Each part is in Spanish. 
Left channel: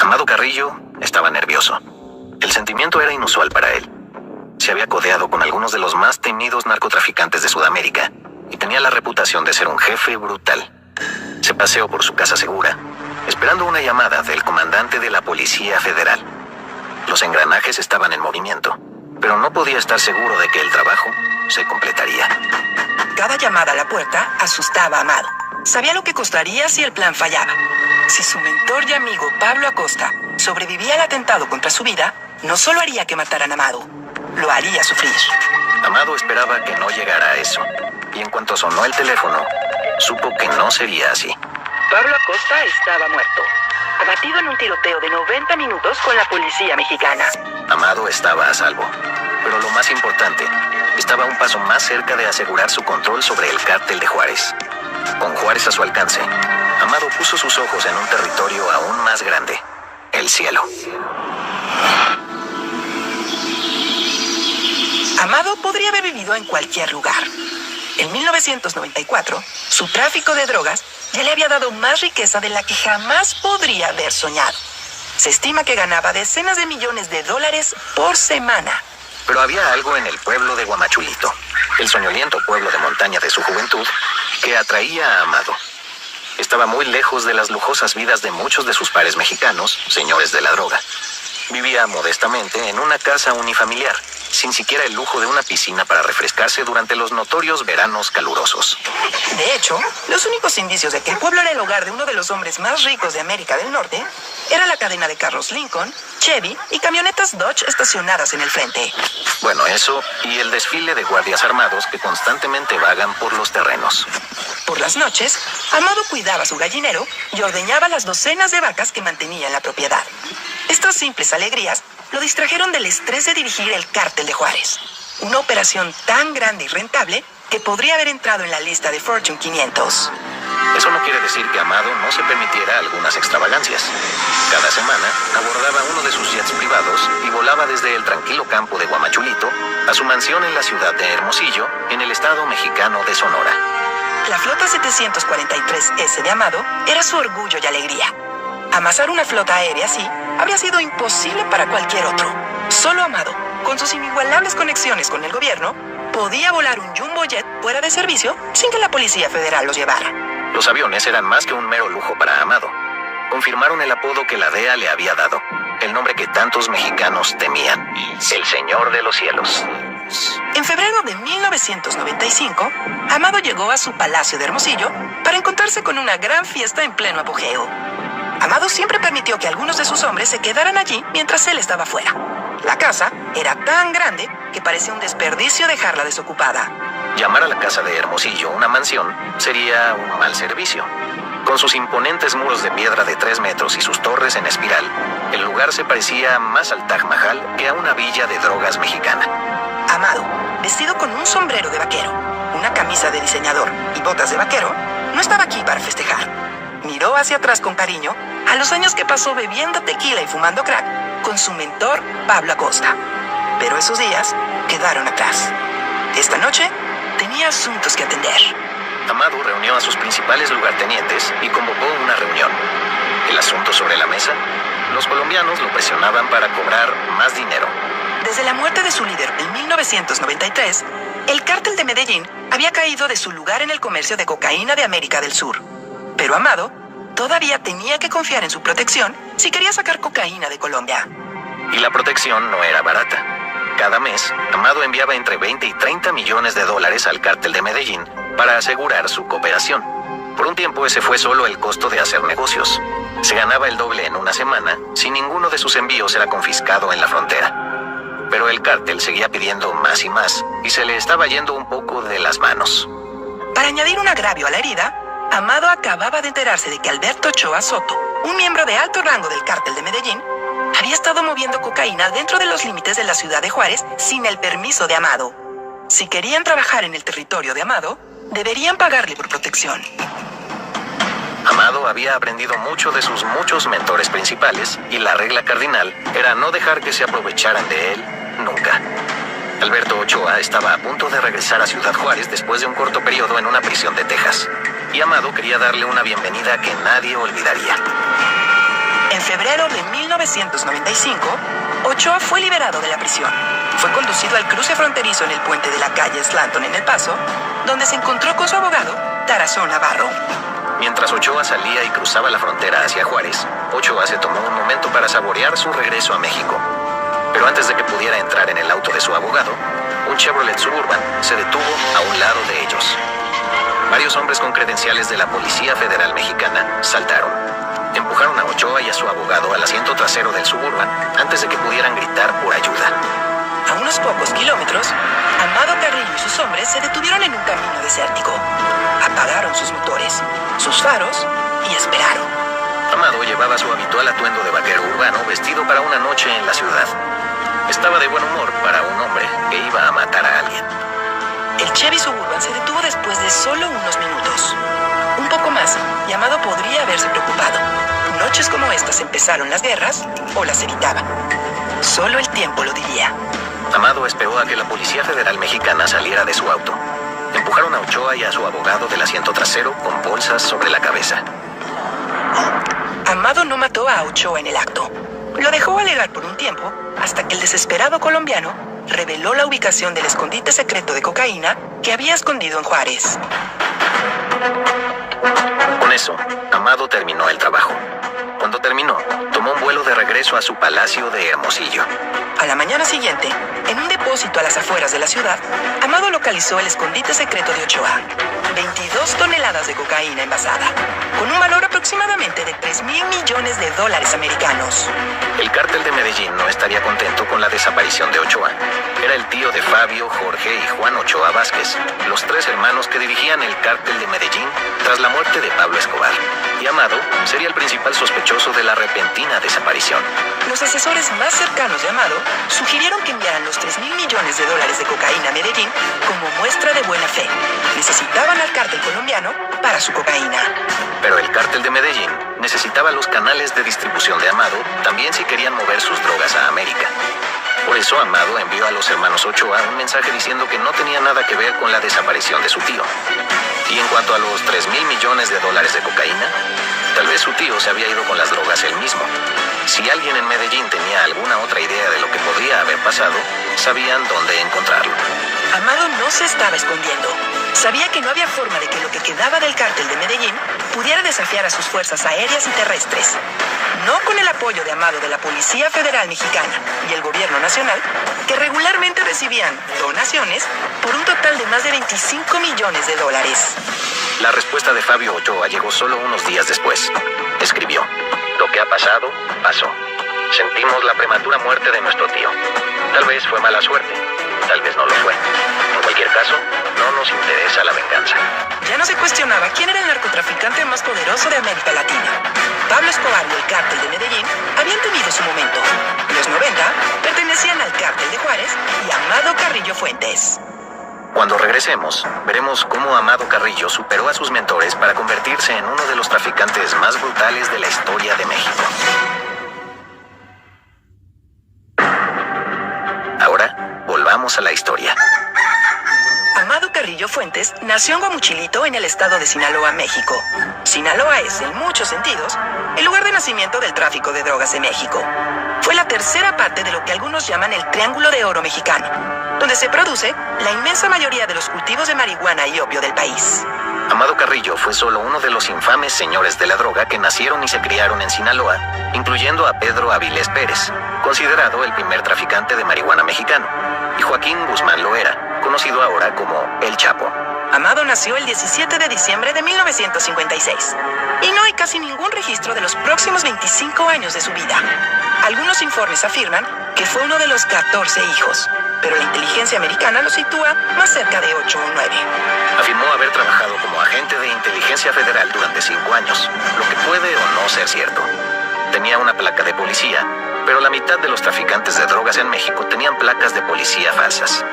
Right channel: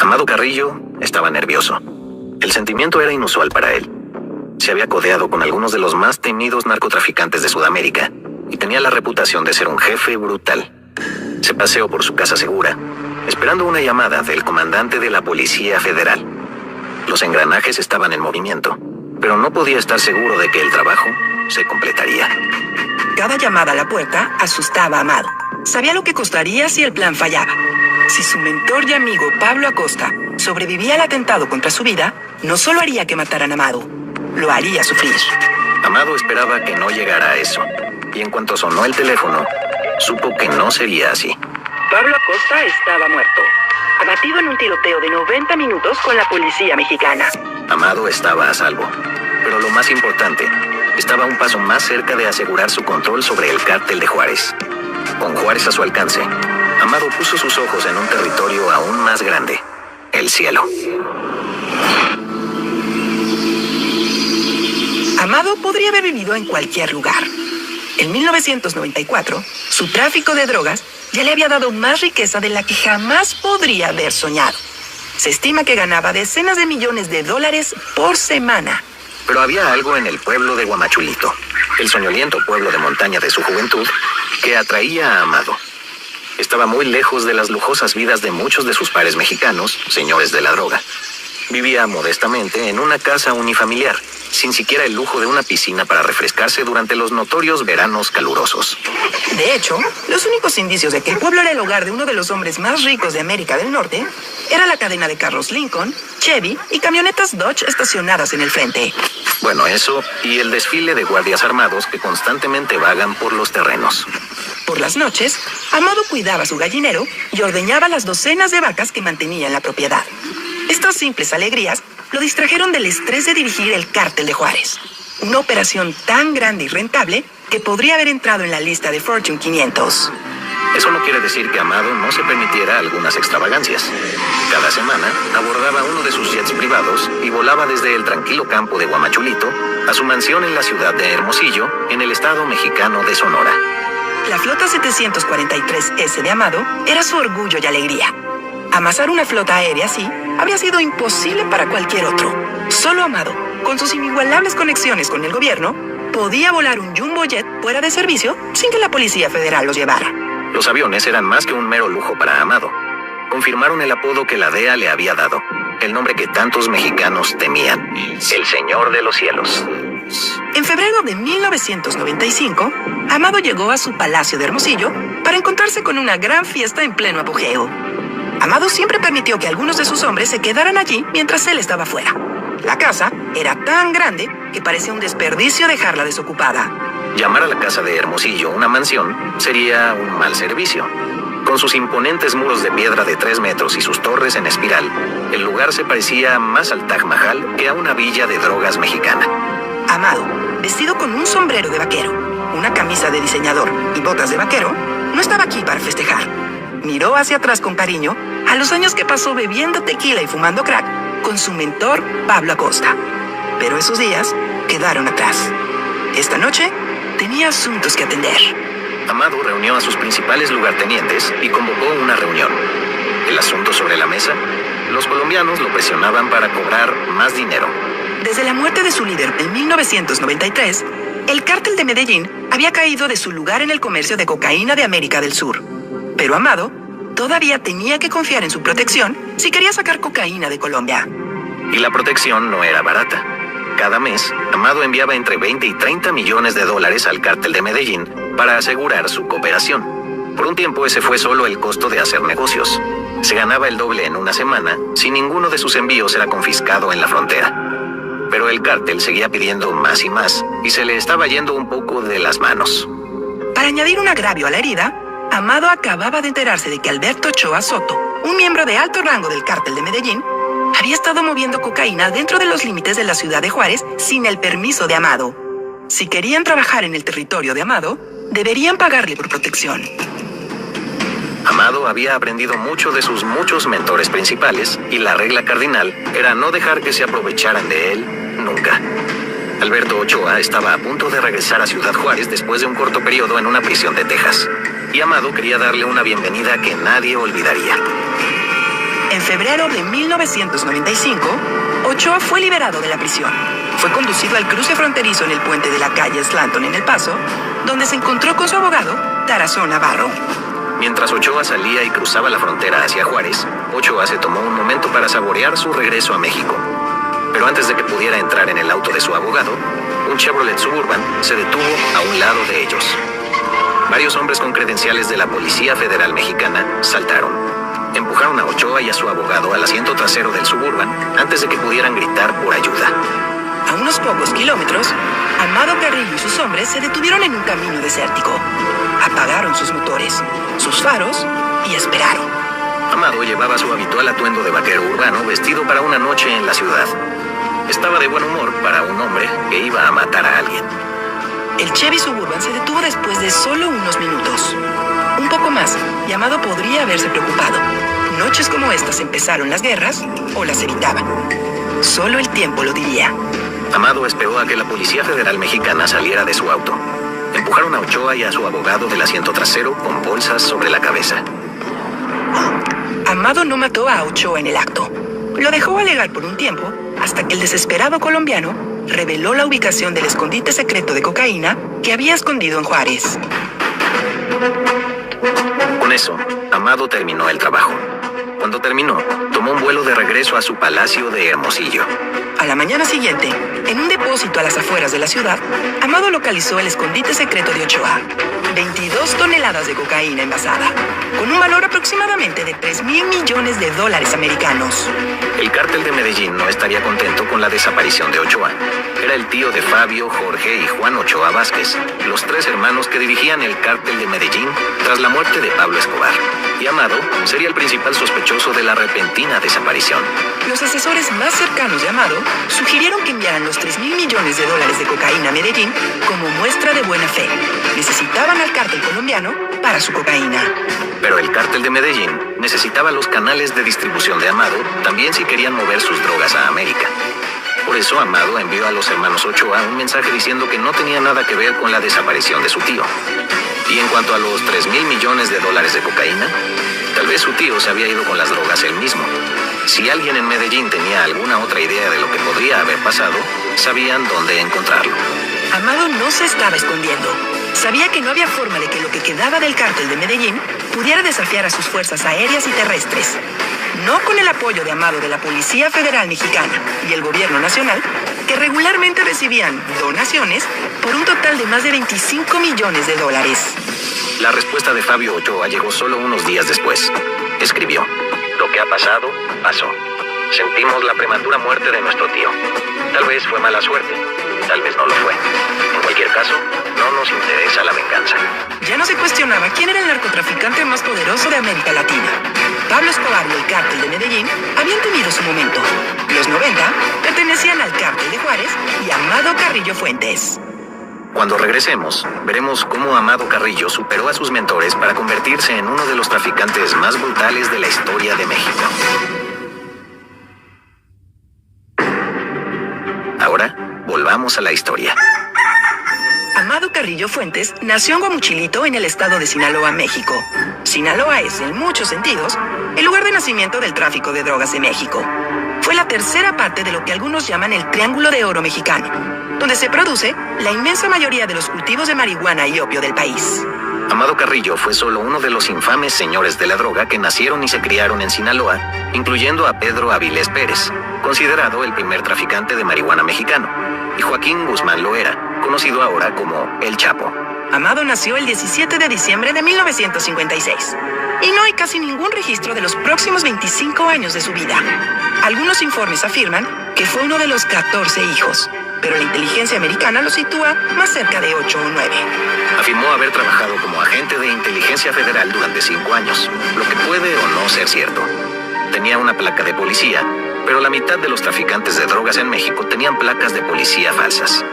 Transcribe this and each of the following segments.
Amado Carrillo estaba nervioso. El sentimiento era inusual para él. Se había codeado con algunos de los más temidos narcotraficantes de Sudamérica y tenía la reputación de ser un jefe brutal. Se paseó por su casa segura, esperando una llamada del comandante de la Policía Federal. Los engranajes estaban en movimiento, pero no podía estar seguro de que el trabajo se completaría. Cada llamada a la puerta asustaba a Amado. Sabía lo que costaría si el plan fallaba. Si su mentor y amigo Pablo Acosta sobrevivía al atentado contra su vida, no solo haría que mataran a Amado, lo haría sufrir. Amado esperaba que no llegara a eso, y en cuanto sonó el teléfono, supo que no sería así. Pablo Acosta estaba muerto, abatido en un tiroteo de 90 minutos con la policía mexicana. Amado estaba a salvo, pero lo más importante, estaba un paso más cerca de asegurar su control sobre el cártel de Juárez. Con Juárez a su alcance, Amado puso sus ojos en un territorio aún más grande, el cielo. Amado podría haber vivido en cualquier lugar. En 1994, su tráfico de drogas ya le había dado más riqueza de la que jamás podría haber soñado. Se estima que ganaba decenas de millones de dólares por semana. Pero había algo en el pueblo de Guamachulito, el soñoliento pueblo de montaña de su juventud, que atraía a Amado. Estaba muy lejos de las lujosas vidas de muchos de sus pares mexicanos, señores de la droga. Vivía modestamente en una casa unifamiliar, sin siquiera el lujo de una piscina para refrescarse durante los notorios veranos calurosos. De hecho, los únicos indicios de que el pueblo era el hogar de uno de los hombres más ricos de América del Norte era la cadena de carros Lincoln, Chevy y camionetas Dodge estacionadas en el frente. Bueno, eso y el desfile de guardias armados que constantemente vagan por los terrenos. Por las noches, Amado cuidaba su gallinero y ordeñaba las docenas de vacas que mantenía en la propiedad. Estas simples alegrías lo distrajeron del estrés de dirigir el cártel de Juárez. Una operación tan grande y rentable que podría haber entrado en la lista de Fortune 500. Eso no quiere decir que Amado no se permitiera algunas extravagancias. Cada semana abordaba uno de sus jets privados y volaba desde el tranquilo campo de Guamachulito a su mansión en la ciudad de Hermosillo, en el estado mexicano de Sonora. La flota 743S de Amado era su orgullo y alegría. Amasar una flota aérea así habría sido imposible para cualquier otro. Solo Amado, con sus inigualables conexiones con el gobierno, podía volar un jumbo jet fuera de servicio sin que la Policía Federal los llevara. Los aviones eran más que un mero lujo para Amado. Confirmaron el apodo que la DEA le había dado, el nombre que tantos mexicanos temían: el Señor de los Cielos. En febrero de 1995, Amado llegó a su palacio de Hermosillo para encontrarse con una gran fiesta en pleno apogeo. Amado siempre permitió que algunos de sus hombres se quedaran allí mientras él estaba fuera. La casa era tan grande que parecía un desperdicio dejarla desocupada. Llamar a la casa de Hermosillo una mansión sería un mal servicio. Con sus imponentes muros de piedra de 3 metros y sus torres en espiral, el lugar se parecía más al Taj Mahal que a una villa de drogas mexicana. Amado, vestido con un sombrero de vaquero, una camisa de diseñador y botas de vaquero, no estaba aquí para festejar. Miró hacia atrás con cariño a los años que pasó bebiendo tequila y fumando crack con su mentor Pablo Acosta. Pero esos días quedaron atrás. Esta noche tenía asuntos que atender. Amado reunió a sus principales lugartenientes y convocó una reunión. El asunto sobre la mesa: los colombianos lo presionaban para cobrar más dinero. Desde la muerte de su líder en 1993, el cártel de Medellín había caído de su lugar en el comercio de cocaína de América del Sur. Pero Amado todavía tenía que confiar en su protección si quería sacar cocaína de Colombia. Y la protección no era barata. Cada mes, Amado enviaba entre 20 y 30 millones de dólares al cártel de Medellín para asegurar su cooperación. Por un tiempo ese fue solo el costo de hacer negocios. Se ganaba el doble en una semana si ninguno de sus envíos era confiscado en la frontera. Pero el cártel seguía pidiendo más y más y se le estaba yendo un poco de las manos. Para añadir un agravio a la herida, Amado acababa de enterarse de que Alberto Ochoa Soto, un miembro de alto rango del cártel de Medellín, había estado moviendo cocaína dentro de los límites de la ciudad de Juárez sin el permiso de Amado. Si querían trabajar en el territorio de Amado, deberían pagarle por protección. Amado había aprendido mucho de sus muchos mentores principales y la regla cardinal era no dejar que se aprovecharan de él nunca. Alberto Ochoa estaba a punto de regresar a Ciudad Juárez después de un corto periodo en una prisión de Texas, y Amado quería darle una bienvenida que nadie olvidaría. En febrero de 1995, Ochoa fue liberado de la prisión. Fue conducido al cruce fronterizo en el puente de la calle Slanton en El Paso, donde se encontró con su abogado, Tarazón Navarro. Mientras Ochoa salía y cruzaba la frontera hacia Juárez, Ochoa se tomó un momento para saborear su regreso a México. Pero antes de que pudiera entrar en el auto de su abogado, un Chevrolet Suburban se detuvo a un lado de ellos. Varios hombres con credenciales de la Policía Federal Mexicana saltaron. Empujaron a Ochoa y a su abogado al asiento trasero del Suburban antes de que pudieran gritar por ayuda. A unos pocos kilómetros, Amado Carrillo y sus hombres se detuvieron en un camino desértico. Apagaron sus motores, sus faros y esperaron. Amado llevaba su habitual atuendo de vaquero urbano vestido para una noche en la ciudad. Estaba de buen humor para un hombre que iba a matar a alguien. El Chevy Suburban se detuvo después de solo unos minutos. Un poco más, y Amado podría haberse preocupado. Noches como estas empezaron las guerras o las evitaban. Solo el tiempo lo diría. Amado esperó a que la Policía Federal Mexicana saliera de su auto. Empujaron a Ochoa y a su abogado del asiento trasero con bolsas sobre la cabeza. Amado no mató a Ochoa en el acto. Lo dejó alegar por un tiempo hasta que el desesperado colombiano reveló la ubicación del escondite secreto de cocaína que había escondido en Juárez. Con eso, Amado terminó el trabajo. Cuando terminó, tomó un vuelo de regreso a su palacio de Hermosillo. A la mañana siguiente, en un depósito a las afueras de la ciudad, Amado localizó el escondite secreto de Ochoa. 22 toneladas de cocaína envasada, con un valor aproximadamente de $3,000 millones americanos. El cártel de Medellín no estaría contento con la desaparición de Ochoa. Era el tío de Fabio, Jorge y Juan Ochoa Vázquez, los tres hermanos que dirigían el cártel de Medellín tras la muerte de Pablo Escobar. Y Amado sería el principal sospechoso de la repentina desaparición. Los asesores más cercanos de Amado sugirieron que enviaran los $3,000 millones de cocaína a Medellín como muestra de buena fe. Necesitaban al cártel colombiano para su cocaína. Pero el cártel de Medellín necesitaba los canales de distribución de Amado también si querían mover sus drogas a América. Por eso Amado envió a los hermanos Ochoa un mensaje diciendo que no tenía nada que ver con la desaparición de su tío. Y en cuanto a los $3,000 millones de cocaína, tal vez su tío se había ido con las drogas él mismo. Si alguien en Medellín tenía alguna otra idea de lo que podría haber pasado, sabían dónde encontrarlo. Amado no se estaba escondiendo. Sabía que no había forma de que lo que quedaba del cártel de Medellín pudiera desafiar a sus fuerzas aéreas y terrestres. No con el apoyo de Amado de la Policía Federal Mexicana y el Gobierno Nacional, que regularmente recibían donaciones por un total de más de $25 millones. La respuesta de Fabio Ochoa llegó solo unos días después. Escribió: "Lo que ha pasado, pasó. Sentimos la prematura muerte de nuestro tío. Tal vez fue mala suerte, tal vez no lo fue. En cualquier caso, no nos interesa la venganza". Ya no se cuestionaba quién era el narcotraficante más poderoso de América Latina. Pablo Escobar y el cártel de Medellín habían tenido su momento. Los 90 pertenecían al cártel de Juárez y Amado Carrillo Fuentes. Cuando regresemos, veremos cómo Amado Carrillo superó a sus mentores para convertirse en uno de los traficantes más brutales de la historia de México. Ahora, volvamos a la historia. Amado Carrillo Fuentes nació en Guamuchilito, en el estado de Sinaloa, México. Sinaloa es, en muchos sentidos, el lugar de nacimiento del tráfico de drogas de México. Fue la tercera parte de lo que algunos llaman el Triángulo de Oro mexicano, donde se produce la inmensa mayoría de los cultivos de marihuana y opio del país. Amado Carrillo fue solo uno de los infames señores de la droga que nacieron y se criaron en Sinaloa, incluyendo a Pedro Avilés Pérez, considerado el primer traficante de marihuana mexicano, y Joaquín Guzmán Loera, conocido ahora como El Chapo. Amado nació el 17 de diciembre de 1956, y no hay casi ningún registro de los próximos 25 años de su vida. Algunos informes afirman que fue uno de los 14 hijos, pero la inteligencia americana lo sitúa más cerca de 8 o 9. Afirmó haber trabajado como agente de inteligencia federal durante 5 años, lo que puede o no ser cierto. Tenía una placa de policía, pero la mitad de los traficantes de drogas en México tenían placas de policía falsas.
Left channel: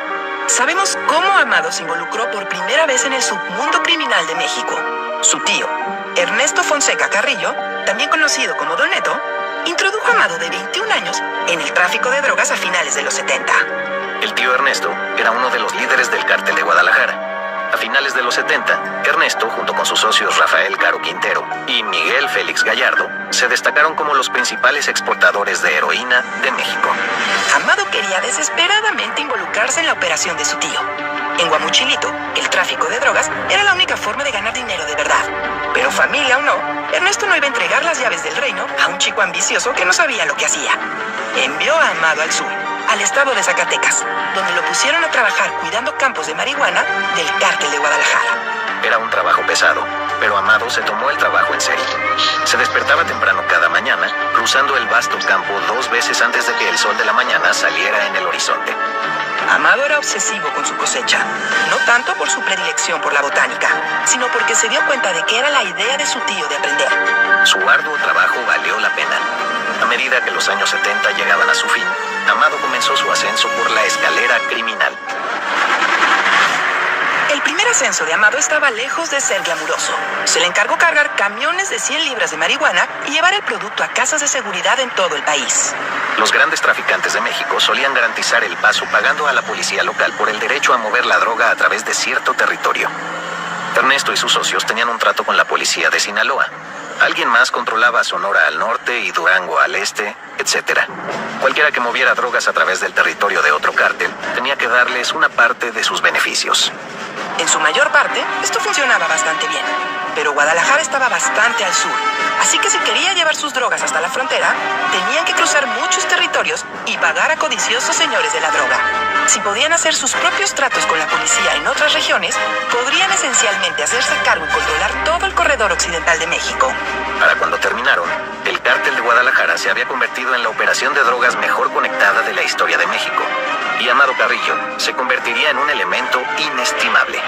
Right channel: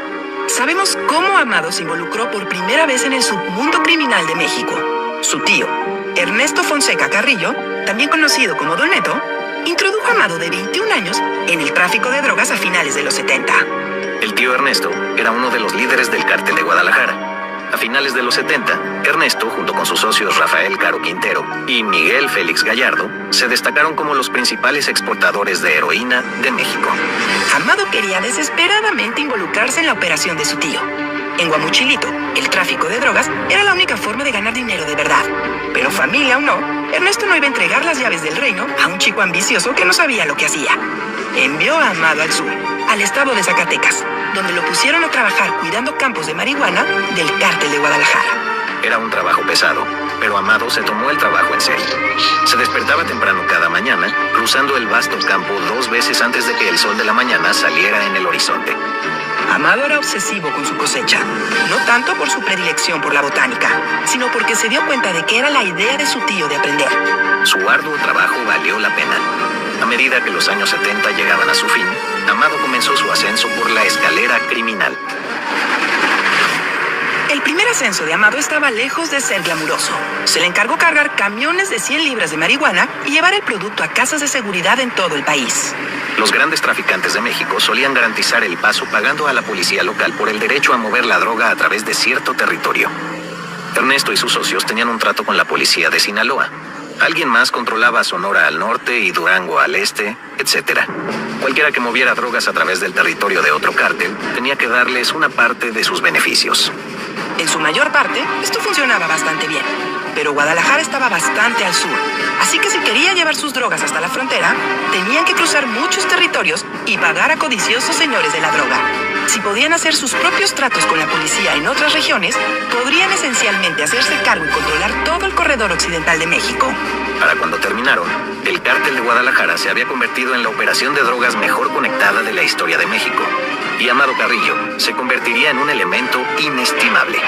Sabemos cómo Amado se involucró por primera vez en el submundo criminal de México. Su tío, Ernesto Fonseca Carrillo, también conocido como Don Neto, introdujo a Amado de 21 años en el tráfico de drogas a finales de los 70. El tío Ernesto era uno de los líderes del cártel de Guadalajara. A finales de los 70, Ernesto, junto con sus socios Rafael Caro Quintero y Miguel Félix Gallardo, se destacaron como los principales exportadores de heroína de México. Amado quería desesperadamente involucrarse en la operación de su tío. En Guamuchilito, el tráfico de drogas era la única forma de ganar dinero de verdad. Pero familia o no, Ernesto no iba a entregar las llaves del reino a un chico ambicioso que no sabía lo que hacía. Envió a Amado al sur, al estado de Zacatecas, donde lo pusieron a trabajar cuidando campos de marihuana del cártel de Guadalajara. Era un trabajo pesado, pero Amado se tomó el trabajo en serio. Se despertaba temprano cada mañana, cruzando el vasto campo 2 veces antes de que el sol de la mañana saliera en el horizonte. Amado era obsesivo con su cosecha, no tanto por su predilección por la botánica, sino porque se dio cuenta de que era la idea de su tío de aprender. Su arduo trabajo valió la pena. A medida que los años 70 llegaban a su fin, Amado comenzó su ascenso por la escalera criminal. El primer ascenso de Amado estaba lejos de ser glamuroso. Se le encargó cargar camiones de 100 libras de marihuana y llevar el producto a casas de seguridad en todo el país. Los grandes traficantes de México solían garantizar el paso pagando a la policía local por el derecho a mover la droga a través de cierto territorio. Ernesto y sus socios tenían un trato con la policía de Sinaloa. Alguien más controlaba Sonora al norte y Durango al este, etc. Cualquiera que moviera drogas a través del territorio de otro cártel tenía que darles una parte de sus beneficios. En su mayor parte, esto funcionaba bastante bien. Pero Guadalajara estaba bastante al sur, así que si quería llevar sus drogas hasta la frontera, tenían que cruzar muchos territorios y pagar a codiciosos señores de la droga. Si podían hacer sus propios tratos con la policía en otras regiones, podrían esencialmente hacerse cargo y controlar todo el corredor occidental de México. Para cuando terminaron, el cártel de Guadalajara se había convertido en la operación de drogas mejor conectada de la historia de México, y Amado Carrillo se convertiría en un elemento inestimable.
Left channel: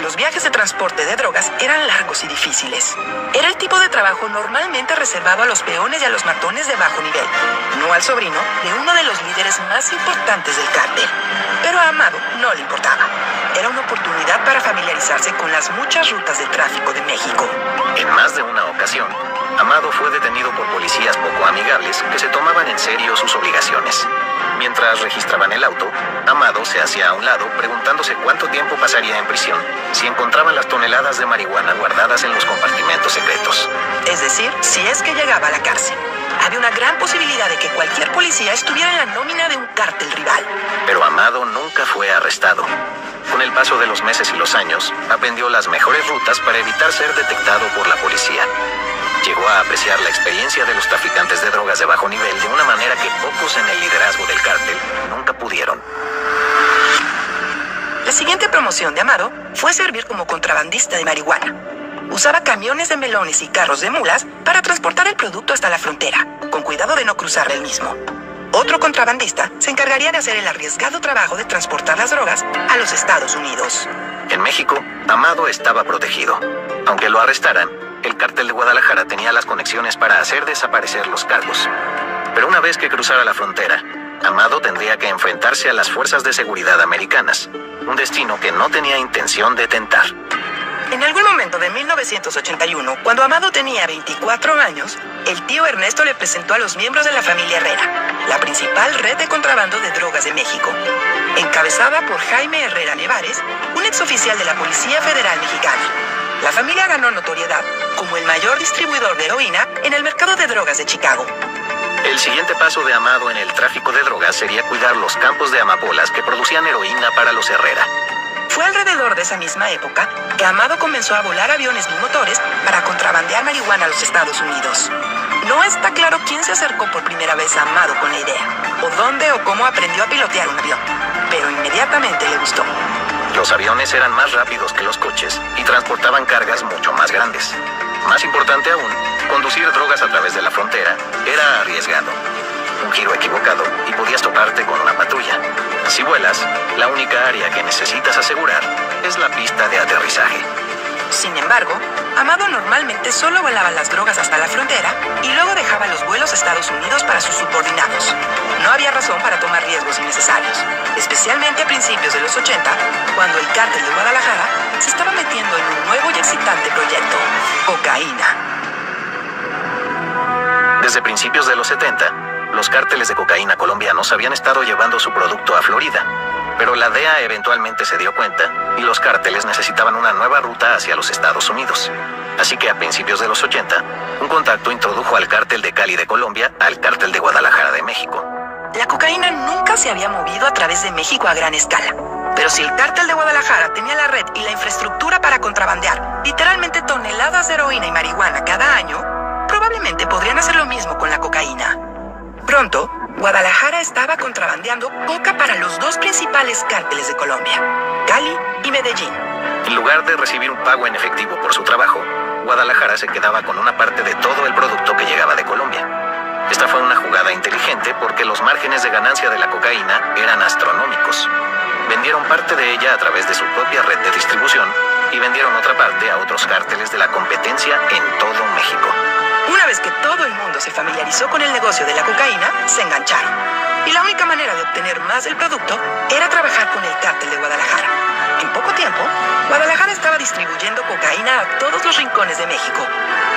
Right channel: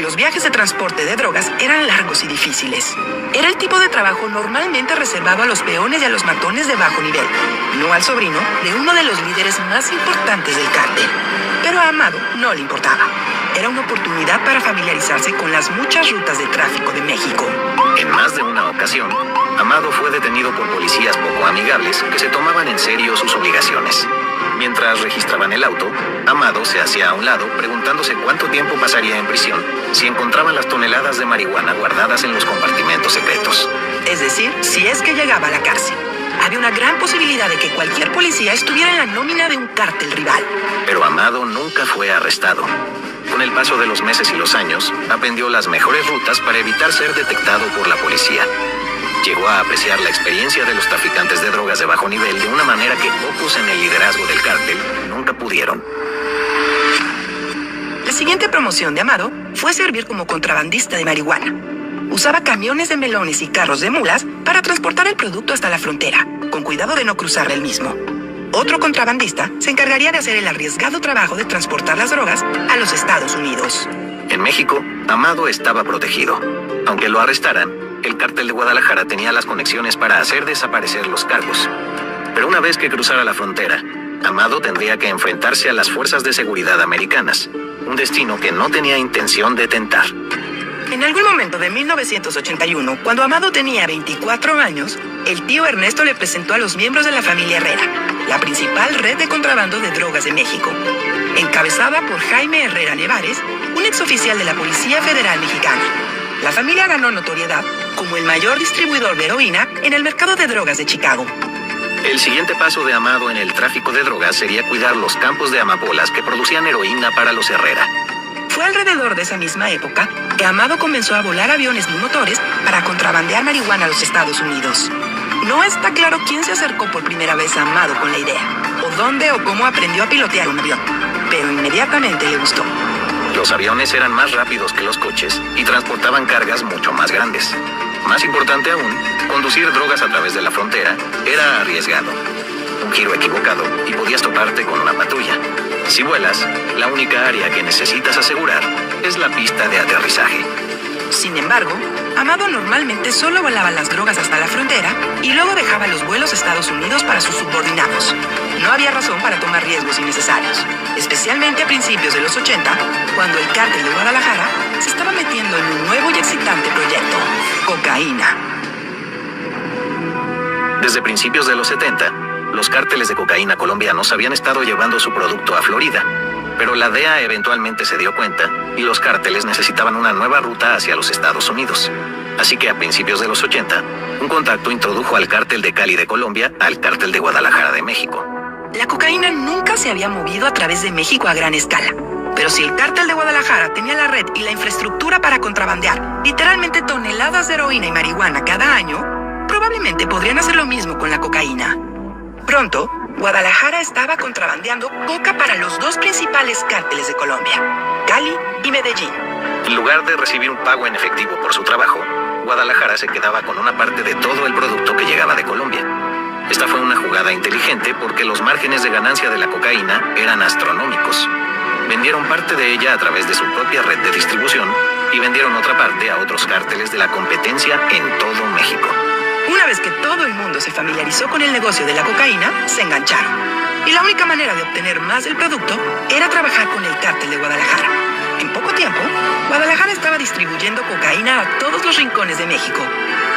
Los viajes de transporte de drogas eran largos y difíciles. Era el tipo de trabajo normalmente reservado a los peones y a los matones de bajo nivel, no al sobrino de uno de los líderes más importantes del cártel. Pero a Amado no le importaba. Era una oportunidad para familiarizarse con las muchas rutas de tráfico de México. En más de una ocasión, Amado fue detenido por policías poco amigables que se tomaban en serio sus obligaciones. Mientras registraban el auto, Amado se hacía a un lado preguntándose cuánto tiempo pasaría en prisión si encontraban las toneladas de marihuana guardadas en los compartimentos secretos. Es decir, si es que llegaba a la cárcel. Había una gran posibilidad de que cualquier policía estuviera en la nómina de un cártel rival. Pero Amado nunca fue arrestado. Con el paso de los meses y los años, aprendió las mejores rutas para evitar ser detectado por la policía. Llegó a apreciar la experiencia de los traficantes de drogas de bajo nivel de una manera que pocos en el liderazgo del cártel nunca pudieron. La siguiente promoción de Amado fue servir como contrabandista de marihuana. Usaba camiones de melones y carros de mulas para transportar el producto hasta la frontera, con cuidado de no cruzar el mismo. Otro contrabandista se encargaría de hacer el arriesgado trabajo de transportar las drogas a los Estados Unidos. En México, Amado estaba protegido. Aunque lo arrestaran, el cártel de Guadalajara tenía las conexiones para hacer desaparecer los cargos. Pero una vez que cruzara la frontera, Amado tendría que enfrentarse a las fuerzas de seguridad americanas, un destino que no tenía intención de tentar. En algún momento de 1981, cuando Amado tenía 24 años, el tío Ernesto le presentó a los miembros de la familia Herrera, la principal red de contrabando de drogas de México, encabezada por Jaime Herrera Nevares, un exoficial de la Policía Federal Mexicana. La familia ganó notoriedad como el mayor distribuidor de heroína en el mercado de drogas de Chicago. El siguiente paso de Amado en el tráfico de drogas sería cuidar los campos de amapolas que producían heroína para los Herrera. Fue alrededor de esa misma época que Amado comenzó a volar aviones bimotores para contrabandear marihuana a los Estados Unidos. No está claro quién se acercó por primera vez a Amado con la idea, o dónde o cómo aprendió a pilotear un avión, pero inmediatamente le gustó. Los aviones eran más rápidos que los coches y transportaban cargas mucho más grandes. Más importante aún, conducir drogas a través de la frontera era arriesgado. Un giro equivocado y podías toparte con una patrulla. Si vuelas, la única área que necesitas asegurar es la pista de aterrizaje. Sin embargo, Amado normalmente solo volaba las drogas hasta la frontera y luego dejaba los vuelos a Estados Unidos para sus subordinados. No había razón para tomar riesgos innecesarios, especialmente a principios de los 80, cuando el cártel de Guadalajara se estaba metiendo en un nuevo y excitante proyecto: cocaína. Desde principios de los 70, los cárteles de cocaína colombianos habían estado llevando su producto a Florida. Pero la DEA eventualmente se dio cuenta y los cárteles necesitaban una nueva ruta hacia los Estados Unidos. Así que a principios de los 80, un contacto introdujo al cártel de Cali de Colombia al cártel de Guadalajara de México. La cocaína nunca se había movido a través de México a gran escala. Pero si el cártel de Guadalajara tenía la red y la infraestructura para contrabandear literalmente toneladas de heroína y marihuana cada año, probablemente podrían hacer lo mismo con la cocaína. Pronto, Guadalajara estaba contrabandeando coca para los dos principales cárteles de Colombia, Cali y Medellín. En lugar de recibir un pago en efectivo por su trabajo, Guadalajara se quedaba con una parte de todo el producto que llegaba de Colombia. Esta fue una jugada inteligente porque los márgenes de ganancia de la cocaína eran astronómicos. Vendieron parte de ella a través de su propia red de distribución y vendieron otra parte a otros cárteles de la competencia en todo México. Una vez que todo el mundo se familiarizó con el negocio de la cocaína, se engancharon. Y la única manera de obtener más del producto era trabajar con el cártel de Guadalajara. En poco tiempo, Guadalajara estaba distribuyendo cocaína a todos los rincones de México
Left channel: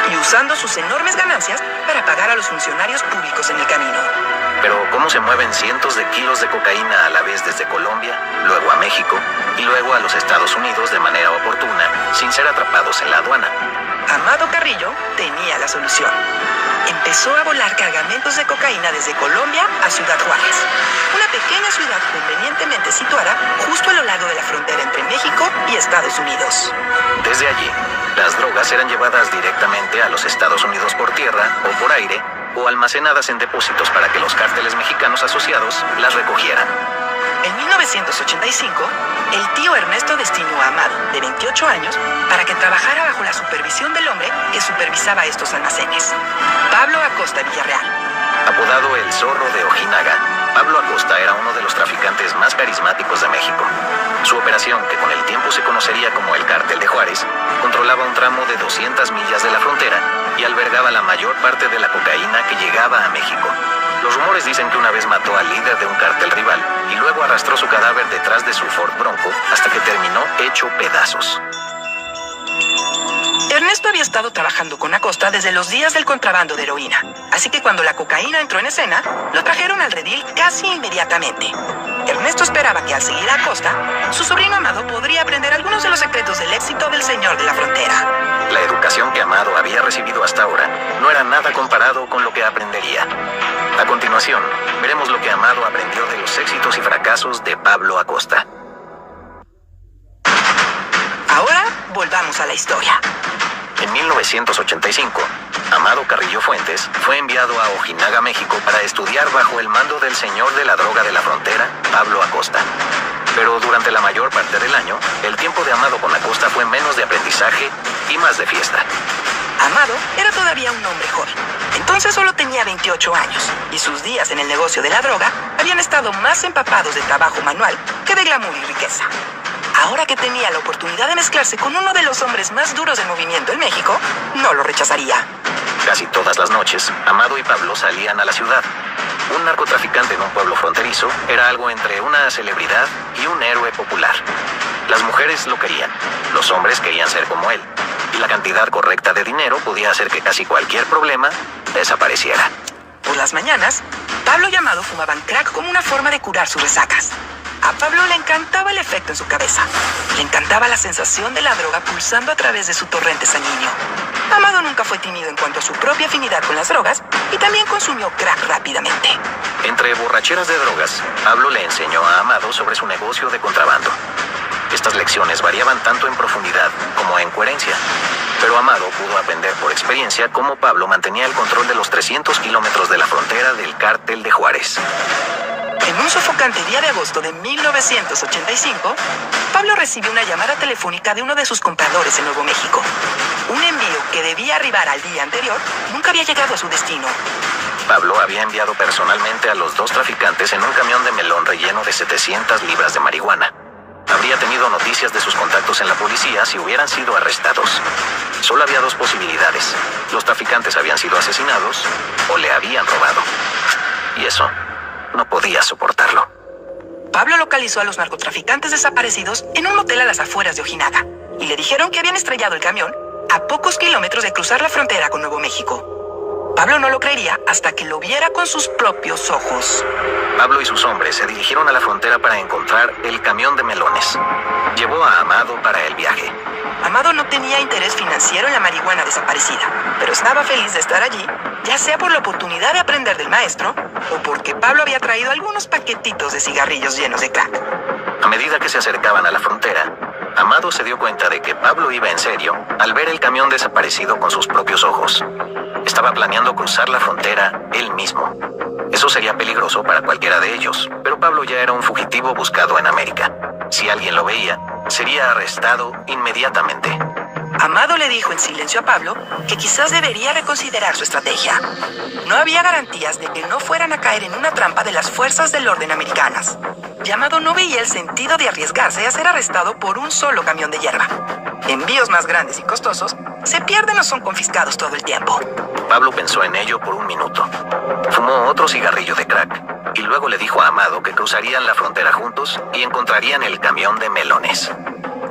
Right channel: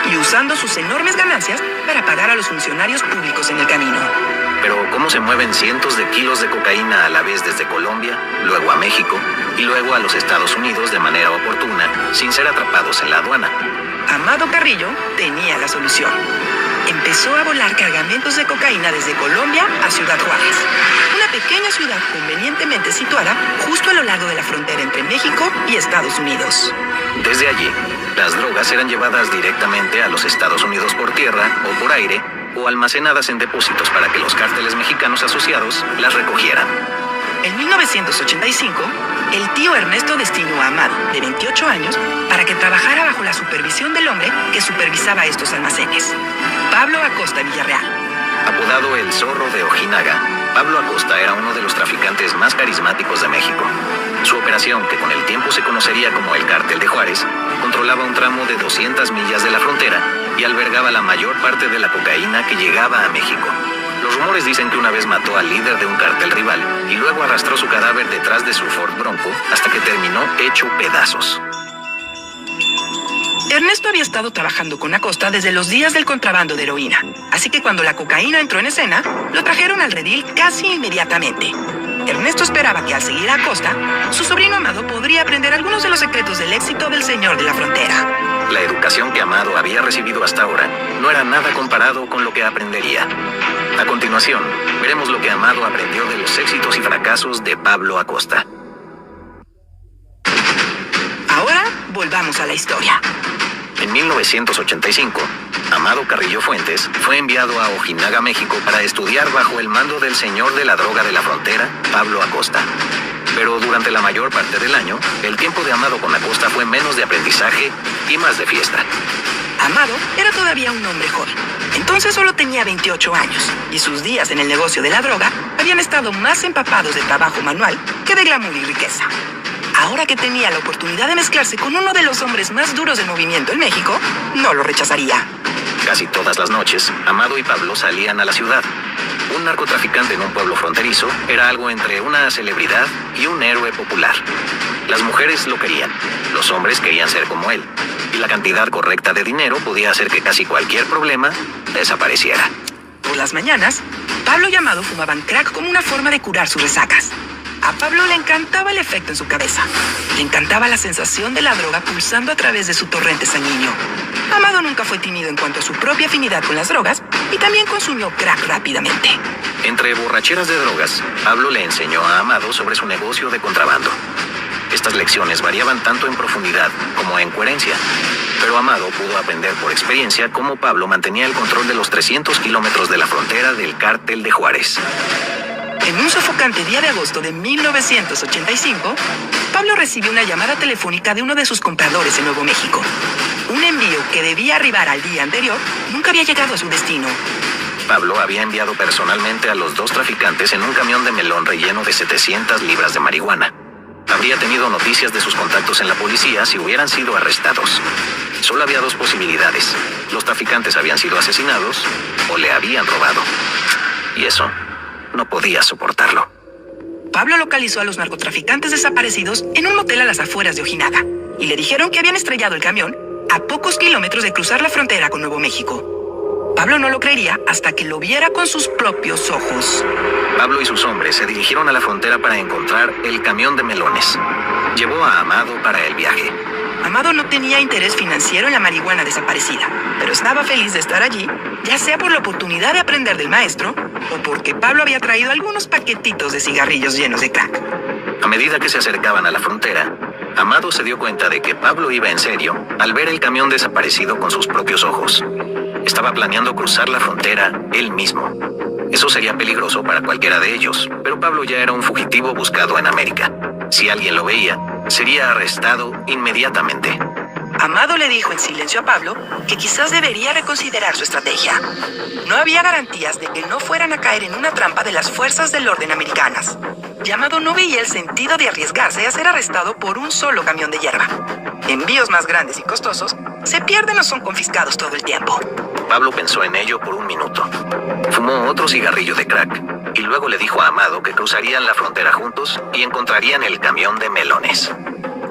y usando sus enormes ganancias para pagar a los funcionarios públicos en el camino. Pero ¿cómo se mueven cientos de kilos de cocaína a la vez desde Colombia, luego a México y luego a los Estados Unidos de manera oportuna, sin ser atrapados en la aduana? Amado Carrillo tenía la solución. Empezó a volar cargamentos de cocaína desde Colombia a Ciudad Juárez, una pequeña ciudad convenientemente situada justo a lo largo de la frontera entre México y Estados Unidos. Desde allí, las drogas eran llevadas directamente a los Estados Unidos por tierra o por aire o almacenadas en depósitos para que los cárteles mexicanos asociados las recogieran. En 1985, el tío Ernesto destinó a Amado, de 28 años, para que trabajara bajo la supervisión del hombre que supervisaba estos almacenes, Pablo Acosta Villarreal. Apodado el Zorro de Ojinaga, Pablo Acosta era uno de los traficantes más carismáticos de México. Su operación, que con el tiempo se conocería como el Cártel de Juárez, controlaba un tramo de 200 millas de la frontera y albergaba la mayor parte de la cocaína que llegaba a México. Los rumores dicen que una vez mató al líder de un cártel rival y luego arrastró su cadáver detrás de su Ford Bronco hasta que terminó hecho pedazos. Ernesto había estado trabajando con Acosta desde los días del contrabando de heroína, así que cuando la cocaína entró en escena, lo trajeron al redil casi inmediatamente. Ernesto esperaba que al seguir a Acosta, su sobrino Amado podría aprender algunos de los secretos del éxito del señor de la frontera. La educación que Amado había recibido hasta ahora no era nada comparado con lo que aprendería. A continuación, veremos lo que Amado aprendió de los éxitos y fracasos de Pablo Acosta. Ahora, volvamos a la historia. En 1985, Amado Carrillo Fuentes fue enviado a Ojinaga, México, para estudiar bajo el mando del señor de la droga de la frontera, Pablo Acosta. Pero durante la mayor parte del año, el tiempo de Amado con Acosta fue menos de aprendizaje y más de fiesta. Amado era todavía un hombre joven. Entonces solo tenía 28 años, y sus días en el negocio de la droga habían estado más empapados de trabajo manual que de glamour y riqueza. Ahora que tenía la oportunidad de mezclarse con uno de los hombres más duros del movimiento en México, no lo rechazaría. Casi todas las noches, Amado y Pablo salían a la ciudad. Un narcotraficante en un pueblo fronterizo era algo entre una celebridad y un héroe popular. Las mujeres lo querían, los hombres querían ser como él, y la cantidad correcta de dinero podía hacer que casi cualquier problema desapareciera. Por las mañanas, Pablo y Amado fumaban crack como una forma de curar sus resacas. A Pablo le encantaba el efecto en su cabeza. Le encantaba la sensación de la droga pulsando a través de su torrente sanguíneo. Amado nunca fue tímido en cuanto a su propia afinidad con las drogas y también consumió crack rápidamente. Entre borracheras de drogas, Pablo le enseñó a Amado sobre su negocio de contrabando. Estas lecciones variaban tanto en profundidad como en coherencia, pero Amado pudo aprender por experiencia cómo Pablo mantenía el control de los 300 kilómetros de la frontera del Cártel de Juárez. En un sofocante día de agosto de 1985, Pablo recibió una llamada telefónica de uno de sus compradores en Nuevo México. Un envío que debía arribar al día anterior nunca había llegado a su destino. Pablo había enviado personalmente a los dos traficantes en un camión de melón relleno de 700 libras de marihuana. Habría tenido noticias de sus contactos en la policía si hubieran sido arrestados. Solo había dos posibilidades. Los traficantes habían sido asesinados o le habían robado. Y eso no podía soportarlo. Pablo localizó a los narcotraficantes desaparecidos en un motel a las afueras de Ojinaga y le dijeron que habían estrellado el camión a pocos kilómetros de cruzar la frontera con Nuevo México. Pablo no lo creería hasta que lo viera con sus propios ojos. Pablo y sus hombres se dirigieron a la frontera para encontrar el camión de melones. Llevó a Amado para el viaje. Amado no tenía interés financiero en la marihuana desaparecida, pero estaba feliz de estar allí, ya sea por la oportunidad de aprender del maestro o porque Pablo había traído algunos paquetitos de cigarrillos llenos de crack. A medida que se acercaban a la frontera, Amado se dio cuenta de que Pablo iba en serio al ver el camión desaparecido con sus propios ojos. Estaba planeando cruzar la frontera él mismo. Eso sería peligroso para cualquiera de ellos, pero Pablo ya era un fugitivo buscado en América. Si alguien lo veía, sería arrestado inmediatamente. Amado le dijo en silencio a Pablo que quizás debería reconsiderar su estrategia. No había garantías de que no fueran a caer en una trampa de las fuerzas del orden americanas. Y Amado no veía el sentido de arriesgarse a ser arrestado por un solo camión de hierba. Envíos más grandes y costosos se pierden o son confiscados todo el tiempo. Pablo pensó en ello por un minuto. Fumó otro cigarrillo de crack y luego le dijo a Amado que cruzarían la frontera juntos y encontrarían el camión de melones.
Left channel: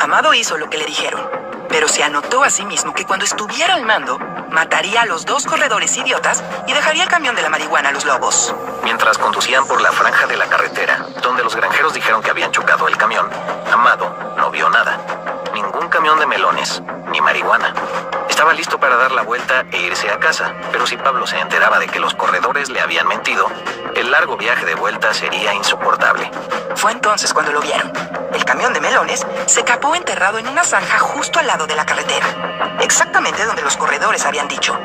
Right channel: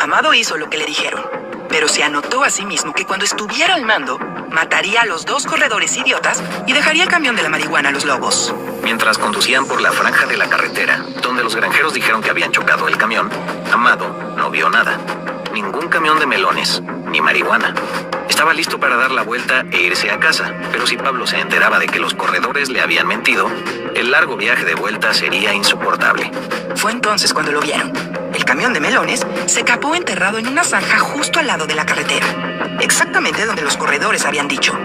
Amado hizo lo que le dijeron, pero se anotó a sí mismo que cuando estuviera al mando, mataría a los dos corredores idiotas y dejaría el camión de la marihuana a los lobos. Mientras conducían por la franja de la carretera, donde los granjeros dijeron que habían chocado el camión, Amado no vio nada. Ningún camión de melones, ni marihuana. Estaba listo para dar la vuelta e irse a casa, pero si Pablo se enteraba de que los corredores le habían mentido, el largo viaje de vuelta sería insoportable. Fue entonces cuando lo vieron. El camión de melones se capó enterrado en una zanja justo al lado de la carretera, exactamente donde los corredores habían dicho.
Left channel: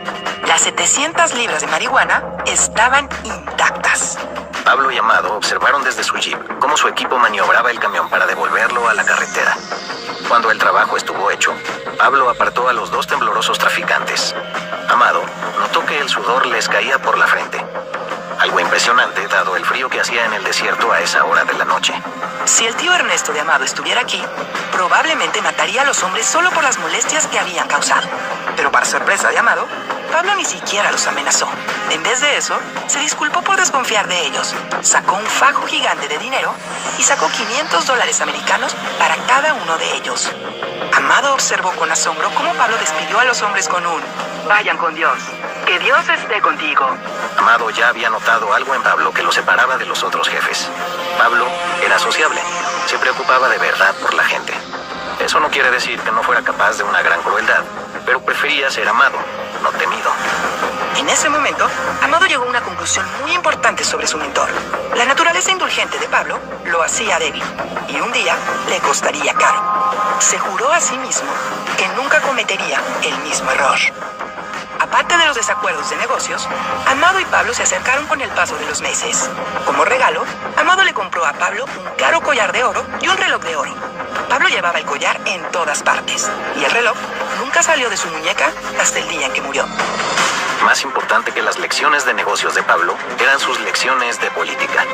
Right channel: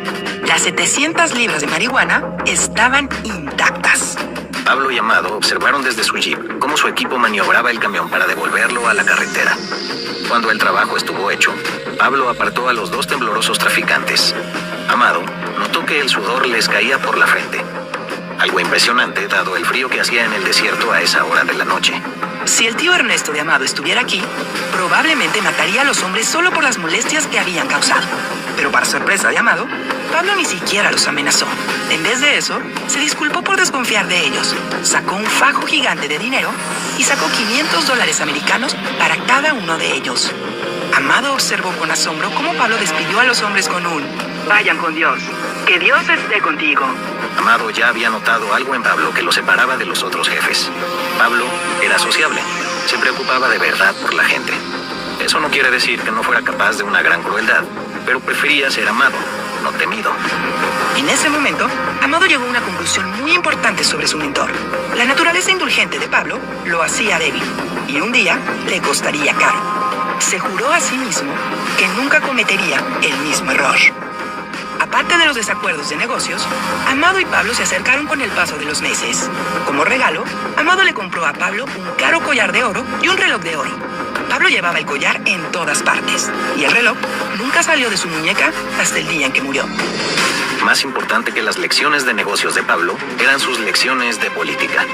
Las 700 libras de marihuana estaban intactas. Pablo y Amado observaron desde su jeep cómo su equipo maniobraba el camión para devolverlo a la carretera. Cuando el trabajo estuvo hecho, Pablo apartó a los dos temblorosos traficantes. Amado notó que el sudor les caía por la frente. Algo impresionante dado el frío que hacía en el desierto a esa hora de la noche. Si el tío Ernesto de Amado estuviera aquí, probablemente mataría a los hombres solo por las molestias que habían causado. Pero para sorpresa de Amado, Pablo ni siquiera los amenazó. En vez de eso, se disculpó por desconfiar de ellos, sacó un fajo gigante de dinero y sacó $500 americanos para cada uno de ellos. Amado observó con asombro cómo Pablo despidió a los hombres con un «Vayan con Dios, que Dios esté contigo». Amado ya había notado algo en Pablo que lo separaba de los otros jefes. Pablo era sociable, se preocupaba de verdad por la gente. Eso no quiere decir que no fuera capaz de una gran crueldad, pero prefería ser amado, no temido. En ese momento, Amado llegó a una conclusión muy importante sobre su mentor. La naturaleza indulgente de Pablo lo hacía débil, y un día le costaría caro. Se juró a sí mismo que nunca cometería el mismo error. Aparte de los desacuerdos de negocios, Amado y Pablo se acercaron con el paso de los meses. Como regalo, Amado le compró a Pablo un caro collar de oro y un reloj de oro. Pablo llevaba el collar en todas partes, y el reloj nunca salió de su muñeca hasta el día en que murió. Más importante que las lecciones de negocios de Pablo eran sus lecciones de política.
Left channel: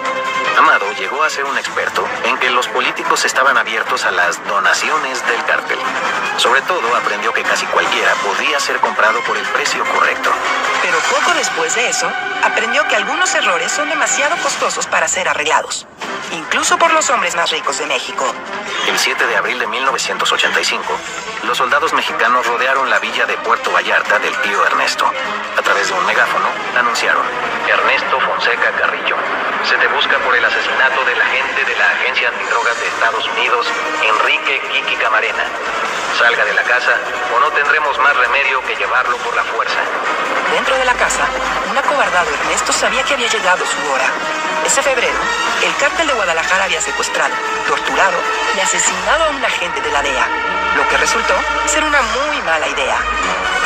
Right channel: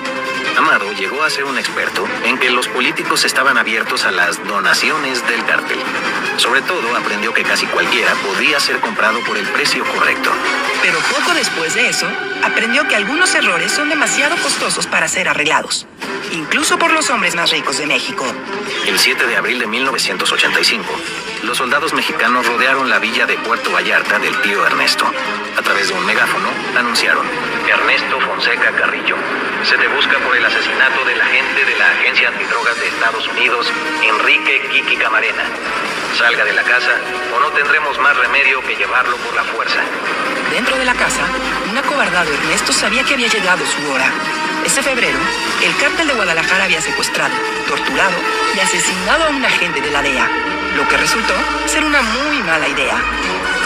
Amado llegó a ser un experto en que los políticos estaban abiertos a las donaciones del cártel. Sobre todo, aprendió que casi cualquiera podía ser comprado por el precio correcto. Pero poco después de eso, aprendió que algunos errores son demasiado costosos para ser arreglados, incluso por los hombres más ricos de México. El 7 de abril de 1985, los soldados mexicanos rodearon la villa de Puerto Vallarta del tío Ernesto. A través de un megáfono, anunciaron: Ernesto Fonseca Carrillo, se te busca por el asesinato del agente de la Agencia Antidrogas de Estados Unidos, Enrique Kiki Camarena. Salga de la casa o no tendremos más remedio que llevarlo por la fuerza. Dentro de la casa, un acobardado Ernesto sabía que había llegado su hora. Ese febrero, el cártel de Guadalajara había secuestrado, torturado y asesinado a un agente de la DEA, lo que resultó ser una muy mala idea.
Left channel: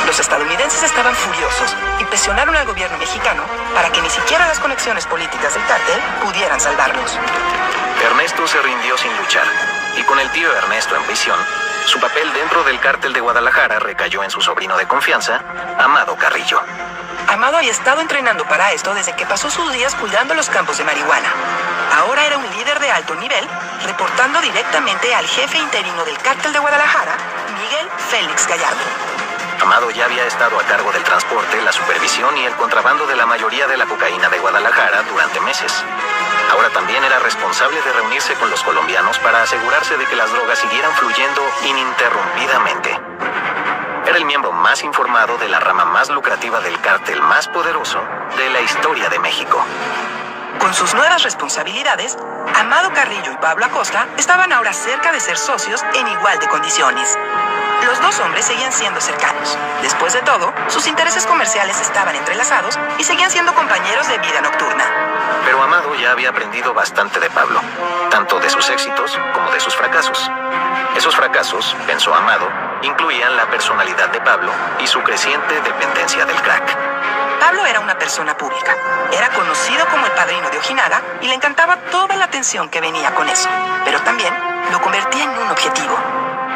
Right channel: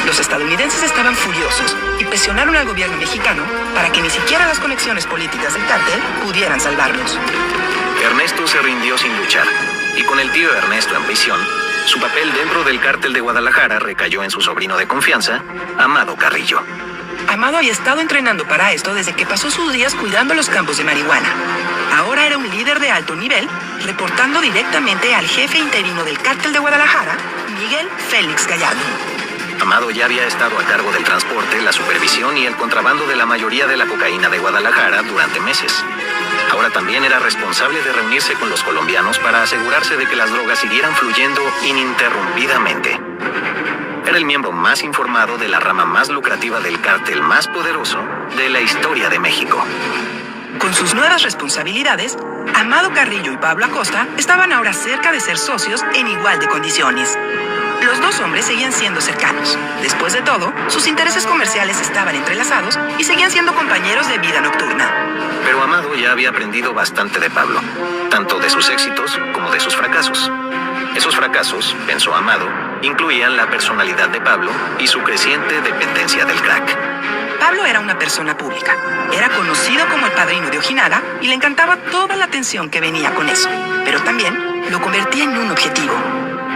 Los estadounidenses estaban furiosos y presionaron al gobierno mexicano para que ni siquiera las conexiones políticas del cártel pudieran salvarlos. Ernesto se rindió sin luchar, y con el tío Ernesto en prisión, su papel dentro del cártel de Guadalajara recayó en su sobrino de confianza, Amado Carrillo. Amado había estado entrenando para esto desde que pasó sus días cuidando los campos de marihuana. Ahora era un líder de alto nivel, reportando directamente al jefe interino del cártel de Guadalajara, Miguel Félix Gallardo. Amado ya había estado a cargo del transporte, la supervisión y el contrabando de la mayoría de la cocaína de Guadalajara durante meses. Ahora también era responsable de reunirse con los colombianos para asegurarse de que las drogas siguieran fluyendo ininterrumpidamente. Era el miembro más informado de la rama más lucrativa del cártel más poderoso de la historia de México. Con sus nuevas responsabilidades, Amado Carrillo y Pablo Acosta estaban ahora cerca de ser socios en igual de condiciones. Los dos hombres seguían siendo cercanos. Después de todo, sus intereses comerciales estaban entrelazados y seguían siendo compañeros de vida nocturna. Pero Amado ya había aprendido bastante de Pablo, tanto de sus éxitos como de sus fracasos. Esos fracasos, pensó Amado, incluían la personalidad de Pablo y su creciente dependencia del crack. Pablo era una persona pública. Era conocido como el padrino de Ojinaga y le encantaba toda la atención que venía con eso. Pero también lo convertía en un objetivo.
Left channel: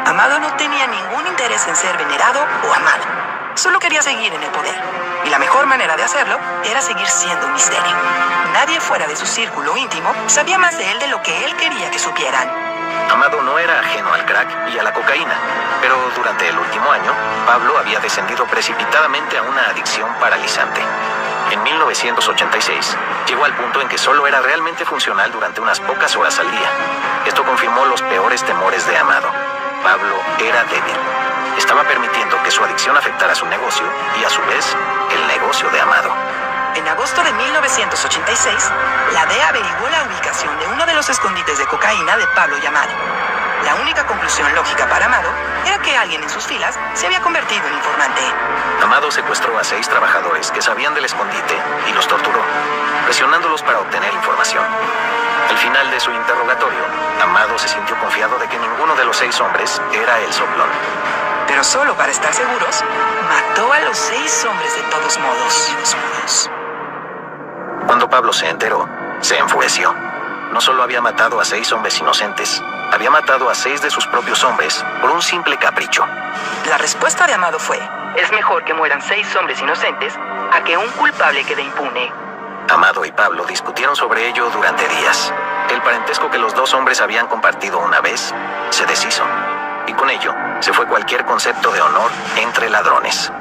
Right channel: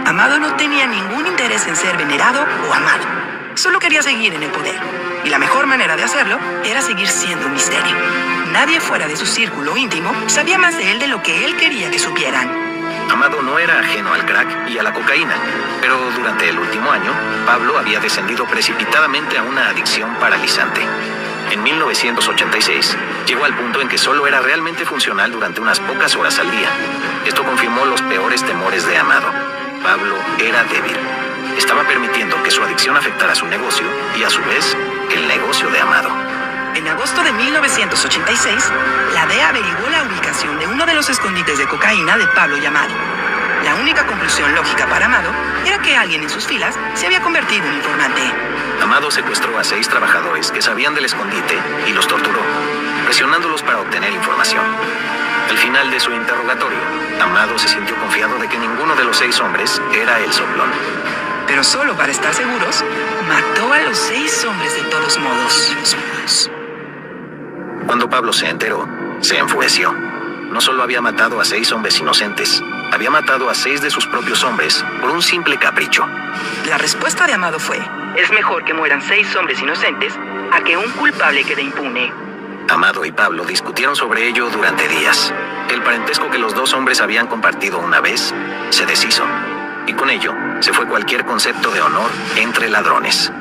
Amado no tenía ningún interés en ser venerado o amado. Solo quería seguir en el poder. Y la mejor manera de hacerlo era seguir siendo un misterio. Nadie fuera de su círculo íntimo sabía más de él de lo que él quería que supieran. Amado no era ajeno al crack y a la cocaína, pero durante el último año, Pablo había descendido precipitadamente a una adicción paralizante. En 1986, llegó al punto en que solo era realmente funcional durante unas pocas horas al día. Esto confirmó los peores temores de Amado. Pablo era débil. Estaba permitiendo que su adicción afectara su negocio y, a su vez, el negocio de Amado. En agosto de 1986, la DEA averiguó la ubicación de uno de los escondites de cocaína de Pablo y Amado. La única conclusión lógica para Amado era que alguien en sus filas se había convertido en informante. Amado secuestró a 6 trabajadores que sabían del escondite y los torturó, presionándolos para obtener información. Al final de su interrogatorio, Amado se sintió confiado de que ninguno de los 6 hombres era el soplón. Pero solo para estar seguros, mató a los 6 hombres de todos modos. Cuando Pablo se enteró, se enfureció. No solo había matado a 6 hombres inocentes, había matado a 6 de sus propios hombres por un simple capricho. La respuesta de Amado fue: es mejor que mueran 6 hombres inocentes a que un culpable quede impune. Amado y Pablo discutieron sobre ello durante días. El parentesco que los 2 hombres habían compartido una vez se deshizo, y con ello se fue cualquier concepto de honor entre ladrones.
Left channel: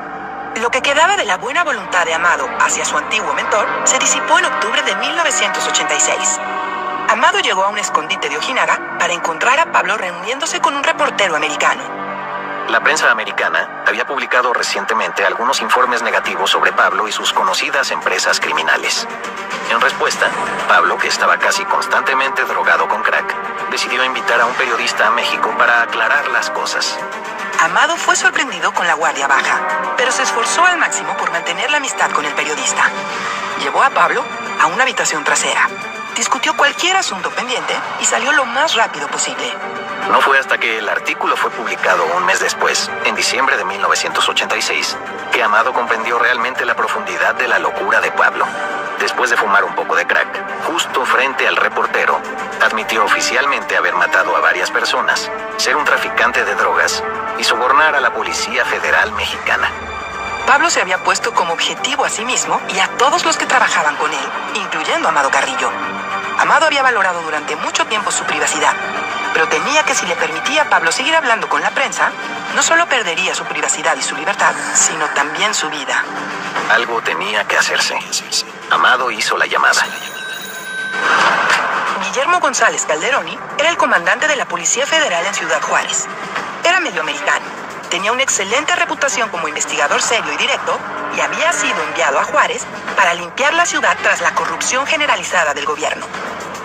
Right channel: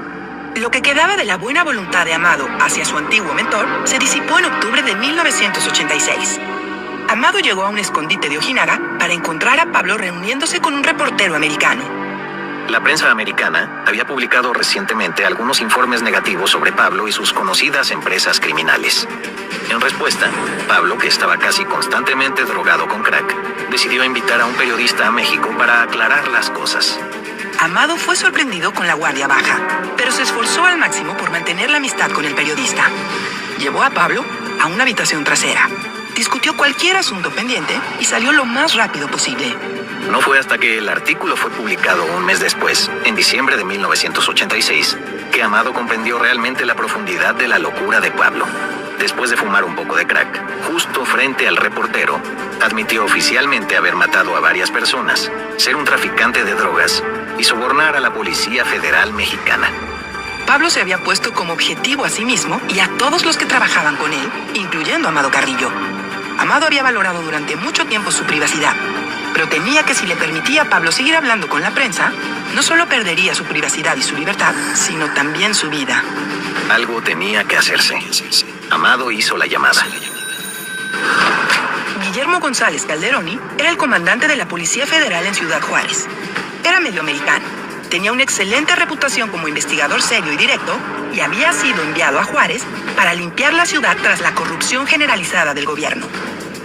Lo que quedaba de la buena voluntad de Amado hacia su antiguo mentor se disipó en octubre de 1986. Amado llegó a un escondite de Ojinaga para encontrar a Pablo reuniéndose con un reportero americano. La prensa americana había publicado recientemente algunos informes negativos sobre Pablo y sus conocidas empresas criminales. En respuesta, Pablo, que estaba casi constantemente drogado con crack, decidió invitar a un periodista a México para aclarar las cosas. Amado fue sorprendido con la guardia baja, pero se esforzó al máximo por mantener la amistad con el periodista. Llevó a Pablo a una habitación trasera, discutió cualquier asunto pendiente y salió lo más rápido posible. No fue hasta que el artículo fue publicado un mes después, en diciembre de 1986, que Amado comprendió realmente la profundidad de la locura de Pablo. Después de fumar un poco de crack, justo frente al reportero, admitió oficialmente haber matado a varias personas, ser un traficante de drogas y sobornar a la Policía Federal Mexicana. Pablo se había puesto como objetivo a sí mismo y a todos los que trabajaban con él, incluyendo a Amado Carrillo. Amado había valorado durante mucho tiempo su privacidad, pero temía que si le permitía a Pablo seguir hablando con la prensa, no solo perdería su privacidad y su libertad, sino también su vida. Algo tenía que hacerse. Amado hizo la llamada. Guillermo González Calderoni era el comandante de la Policía Federal en Ciudad Juárez. Era medio americano, tenía una excelente reputación como investigador serio y directo y había sido enviado a Juárez para limpiar la ciudad tras la corrupción generalizada del gobierno.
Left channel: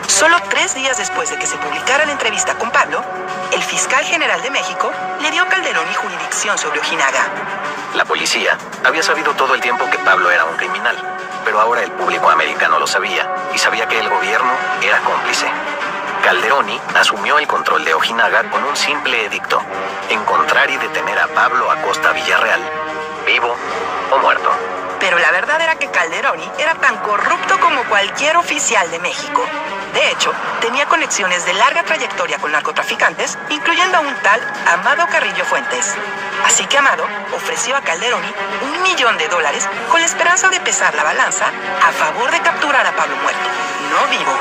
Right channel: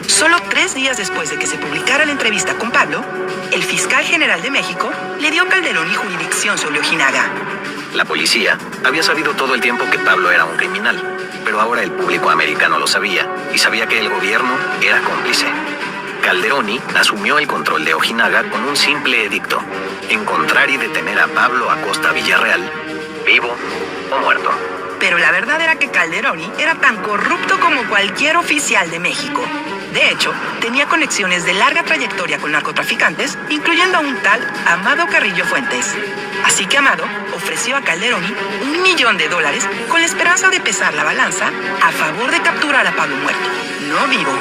Solo 3 días después de que se publicara la entrevista con Pablo, el fiscal general de México le dio a Calderoni jurisdicción sobre Ojinaga. La policía había sabido todo el tiempo que Pablo era un criminal, pero ahora el público americano lo sabía y sabía que el gobierno era cómplice. Calderoni asumió el control de Ojinaga con un simple edicto: encontrar y detener a Pablo Acosta Villarreal, vivo o muerto. Pero la verdad era que Calderoni era tan corrupto como cualquier oficial de México. De hecho, tenía conexiones de larga trayectoria con narcotraficantes, incluyendo a un tal Amado Carrillo Fuentes. Así que Amado ofreció a Calderoni $1 millón con la esperanza de pesar la balanza a favor de capturar a Pablo muerto, no vivo.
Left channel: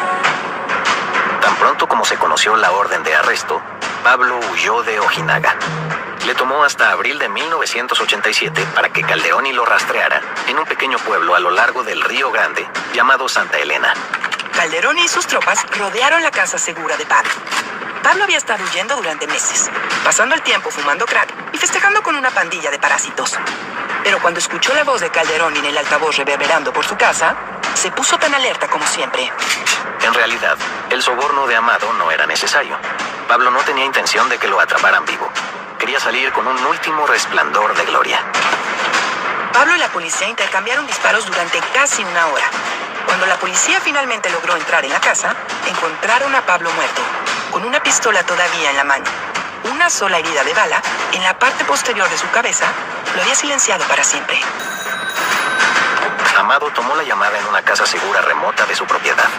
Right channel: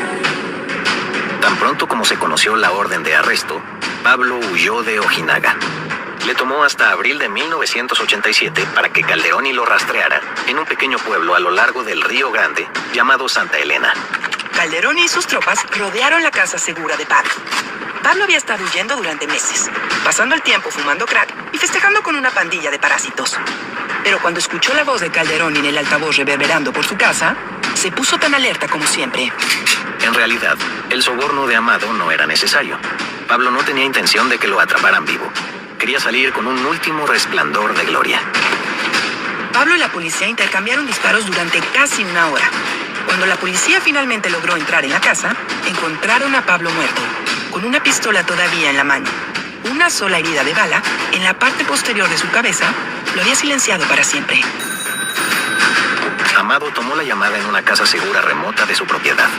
Tan pronto como se conoció la orden de arresto, Pablo huyó de Ojinaga. Le tomó hasta abril de 1987 para que Calderoni lo rastreara en un pequeño pueblo a lo largo del Río Grande llamado Santa Elena. Calderoni y sus tropas rodearon la casa segura de Pablo. Pablo había estado huyendo durante meses, pasando el tiempo fumando crack y festejando con una pandilla de parásitos. Pero cuando escuchó la voz de Calderón en el altavoz reverberando por su casa, se puso tan alerta como siempre. En realidad, el soborno de Amado no era necesario. Pablo no tenía intención de que lo atraparan vivo. Quería salir con un último resplandor de gloria. Pablo y la policía intercambiaron disparos durante casi una hora. Cuando la policía finalmente logró entrar en la casa, encontraron a Pablo muerto, con una pistola todavía en la mano. Una sola herida de bala en la parte posterior de su cabeza lo había silenciado para siempre. Amado tomó la llamada en una casa segura remota de su propiedad.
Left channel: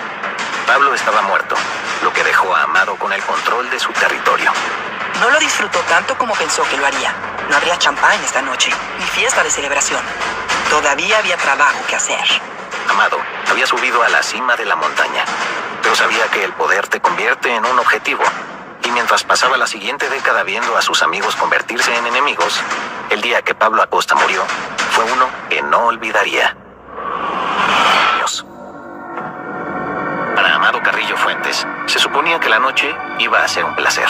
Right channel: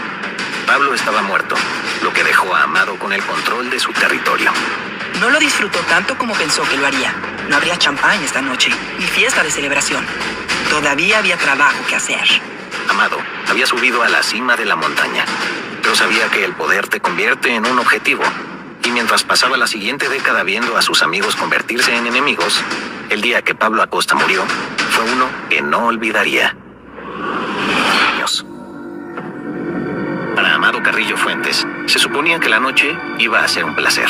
Pablo estaba muerto, lo que dejó a Amado con el control de su territorio. No lo disfrutó tanto como pensó que lo haría. No habría champán esta noche, ni fiesta de celebración. Todavía había trabajo que hacer. Amado había subido a la cima de la montaña, pero sabía que el poder te convierte en un objetivo. Y mientras pasaba la siguiente década viendo a sus amigos convertirse en enemigos, el día que Pablo Acosta murió fue uno que no olvidaría. Para Amado Carrillo Fuentes, se suponía que la noche iba a ser un placer.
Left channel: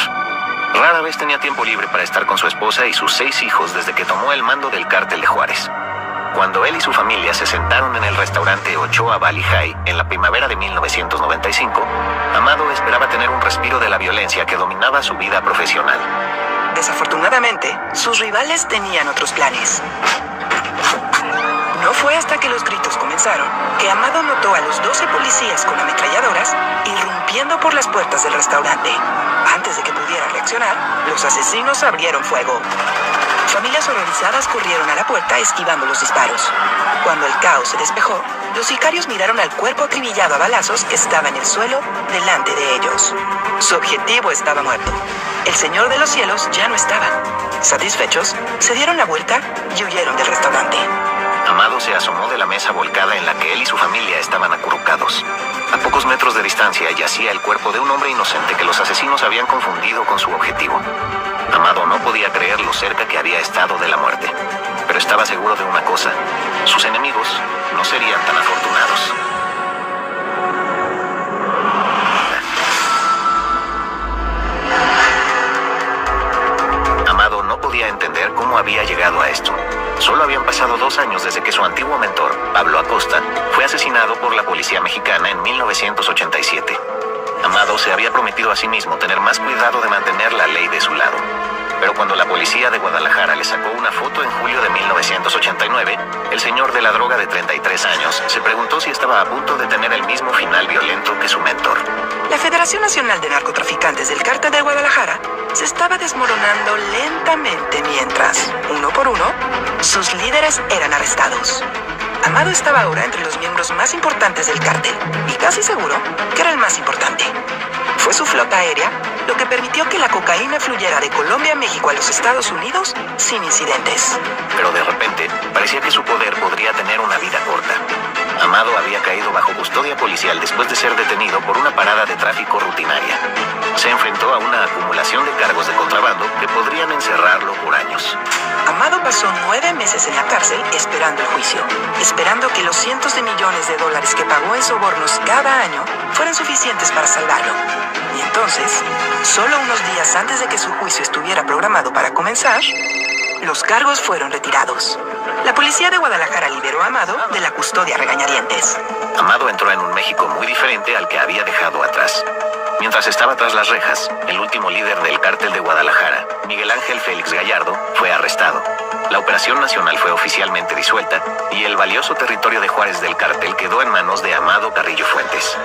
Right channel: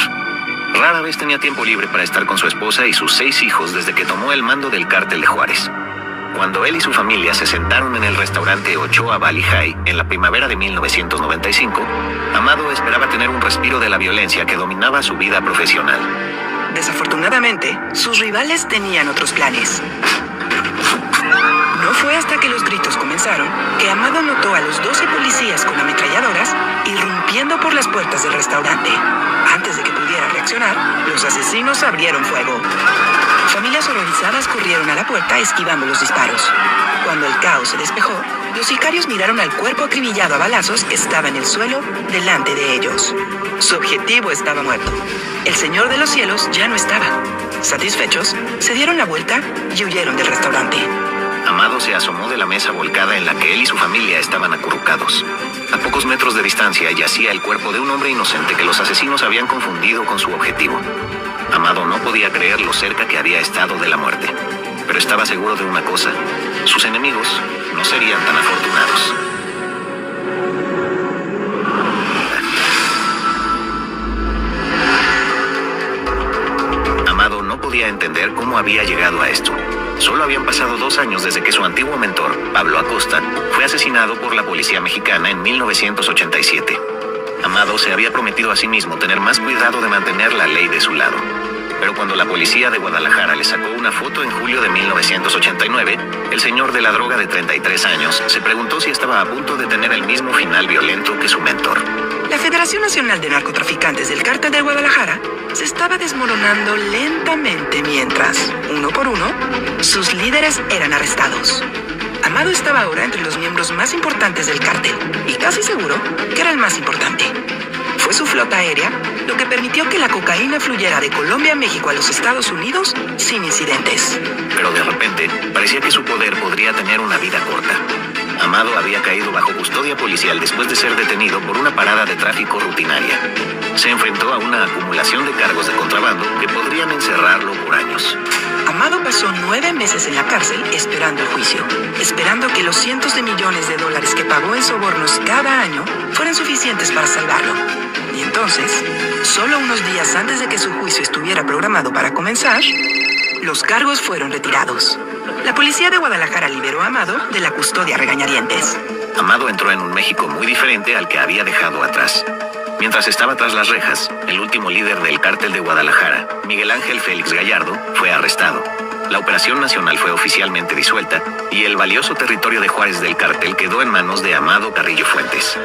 Rara vez tenía tiempo libre para estar con su esposa y sus 6 hijos desde que tomó el mando del cártel de Juárez. Cuando él y su familia se sentaron en el restaurante Ochoa Valley High en la primavera de 1995, Amado esperaba tener un respiro de la violencia que dominaba su vida profesional. Desafortunadamente, sus rivales tenían otros planes. No fue hasta que los gritos comenzaron que Amado notó a los 12 policías con ametralladoras irrumpiendo por las puertas del restaurante. Antes de que pudiera reaccionar, los asesinos abrieron fuego. Familias horrorizadas corrieron a la puerta esquivando los disparos. Cuando el caos se despejó, los sicarios miraron al cuerpo acribillado a balazos que estaba en el suelo delante de ellos. Su objetivo estaba muerto. El Señor de los Cielos ya no estaba. Satisfechos, se dieron la vuelta y huyeron del restaurante. Amado se asomó de la mesa volcada en la que él y su familia estaban acurrucados. A pocos metros de distancia yacía el cuerpo de un hombre inocente que los asesinos habían confundido con su objetivo. Amado no podía creer lo cerca que había estado de la muerte, pero estaba seguro de una cosa: sus enemigos no serían tan afortunados. Amado no podía entender cómo había llegado a esto. Solo habían pasado 2 años desde que su antiguo mentor, Pablo Acosta, fue asesinado por la policía mexicana en 1987. Amado se había prometido a sí mismo tener más cuidado de mantener la ley de su lado. Pero cuando la policía de Guadalajara le sacó una foto en julio de 1989, el señor de la droga de 33 años se preguntó si estaba a punto de tener el mismo final violento que su mentor. La Federación Nacional de Narcotraficantes del Cártel de Guadalajara se estaba desmoronando lentamente mientras, uno por uno, sus líderes eran arrestados. Amado estaba ahora entre los miembros más importantes del cártel y casi seguro que era el más importante. Fue su flota aérea lo que permitió que la cocaína fluyera de Colombia a México a los Estados Unidos sin incidentes. Pero de repente, parecía que su poder podría tener una vida corta. Amado había caído bajo custodia policial después de ser detenido por una parada de tráfico rutinaria. Se enfrentó a una acumulación de cargos de contrabando que podrían encerrarlo por años. Amado pasó 9 meses en la cárcel esperando el juicio, esperando que los cientos de millones de dólares que pagó en sobornos cada año fueran suficientes para salvarlo. Y entonces, solo unos días antes de que su juicio estuviera programado para comenzar, los cargos fueron retirados. La policía de Guadalajara liberó a Amado de la custodia a regañadientes. Amado entró en un México muy diferente al que había dejado atrás. Mientras estaba tras las rejas, el último líder del cártel de Guadalajara, Miguel Ángel Félix Gallardo, fue arrestado. La operación nacional fue oficialmente disuelta y el valioso territorio de Juárez del cártel quedó en manos de Amado Carrillo Fuentes.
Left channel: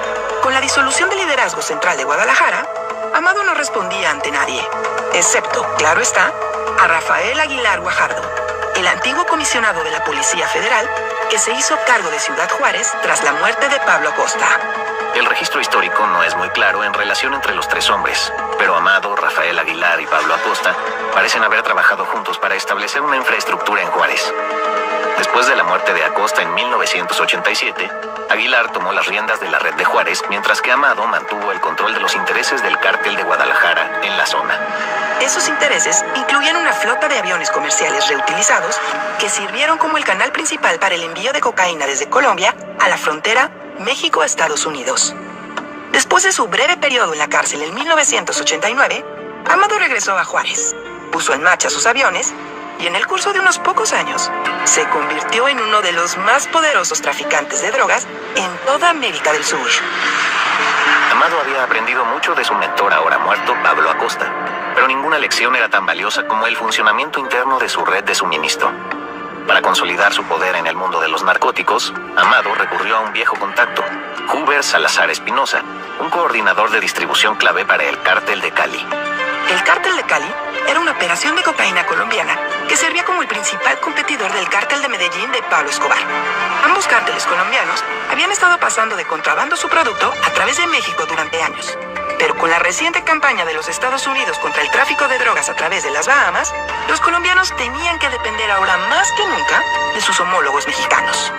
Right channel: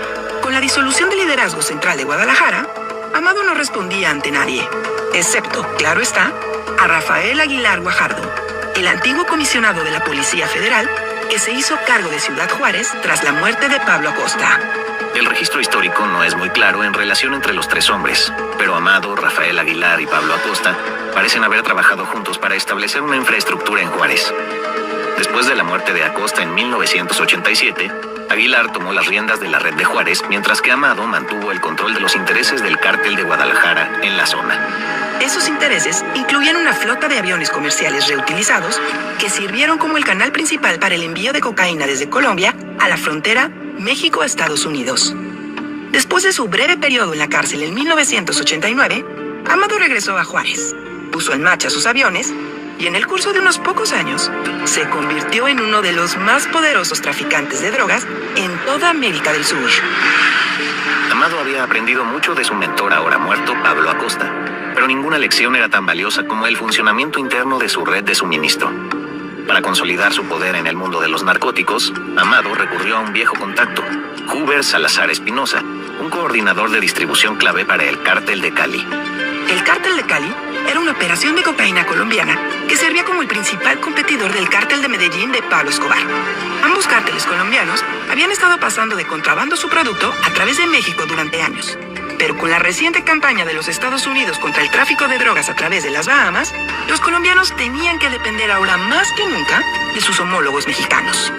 Con la disolución del liderazgo central de Guadalajara, Amado no respondía ante nadie, excepto, claro está, a Rafael Aguilar Guajardo, el antiguo comisionado de la Policía Federal que se hizo cargo de Ciudad Juárez tras la muerte de Pablo Acosta. El registro histórico no es muy claro en relación entre los 3 hombres, pero Amado, Rafael Aguilar y Pablo Acosta parecen haber trabajado juntos para establecer una infraestructura en Juárez. Después de la muerte de Acosta en 1987, Aguilar tomó las riendas de la red de Juárez, mientras que Amado mantuvo el control de los intereses del cártel de Guadalajara en la zona. Esos intereses incluían una flota de aviones comerciales reutilizados que sirvieron como el canal principal para el envío de cocaína desde Colombia a la frontera México-Estados Unidos. Después de su breve periodo en la cárcel en 1989, Amado regresó a Juárez, puso en marcha sus aviones y en el curso de unos pocos años se convirtió en uno de los más poderosos traficantes de drogas en toda América del Sur. Amado había aprendido mucho de su mentor ahora muerto, Pablo Acosta, pero ninguna lección era tan valiosa como el funcionamiento interno de su red de suministro. Para consolidar su poder en el mundo de los narcóticos, Amado recurrió a un viejo contacto, Hoover Salazar Espinosa, un coordinador de distribución clave para el Cártel de Cali. El Cártel de Cali era una operación de cocaína colombiana que servía como el principal competidor del Cártel de Medellín de Pablo Escobar. Ambos cárteles colombianos habían estado pasando de contrabando su producto a través de México durante años. Pero con la reciente campaña de los Estados Unidos contra el tráfico de drogas a través de las Bahamas, los colombianos tenían que depender ahora más que nunca de sus homólogos mexicanos.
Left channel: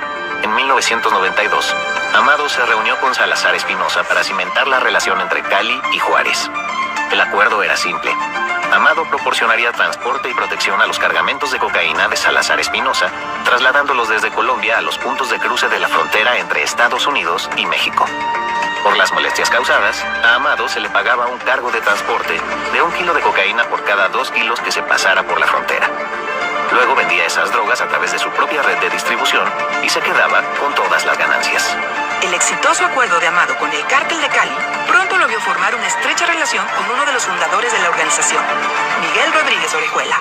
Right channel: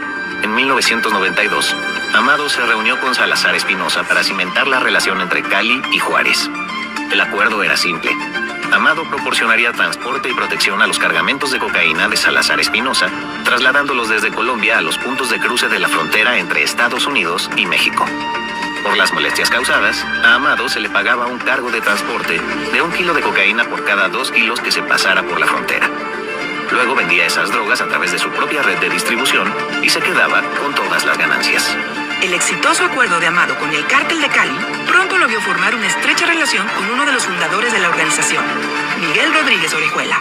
En 1992, Amado se reunió con Salazar Espinosa para cimentar la relación entre Cali y Juárez. El acuerdo era simple. Amado proporcionaría transporte y protección a los cargamentos de cocaína de Salazar Espinosa, trasladándolos desde Colombia a los puntos de cruce de la frontera entre Estados Unidos y México. Por las molestias causadas, a Amado se le pagaba un cargo de transporte de 1 kilo de cocaína por cada 2 kilos que se pasara por la frontera. Luego vendía esas drogas a través de su propia red de distribución y se quedaba con todas las ganancias. El exitoso acuerdo de Amado con el Cártel de Cali pronto lo vio formar una estrecha relación con uno de los fundadores de la organización, Miguel Rodríguez Orejuela.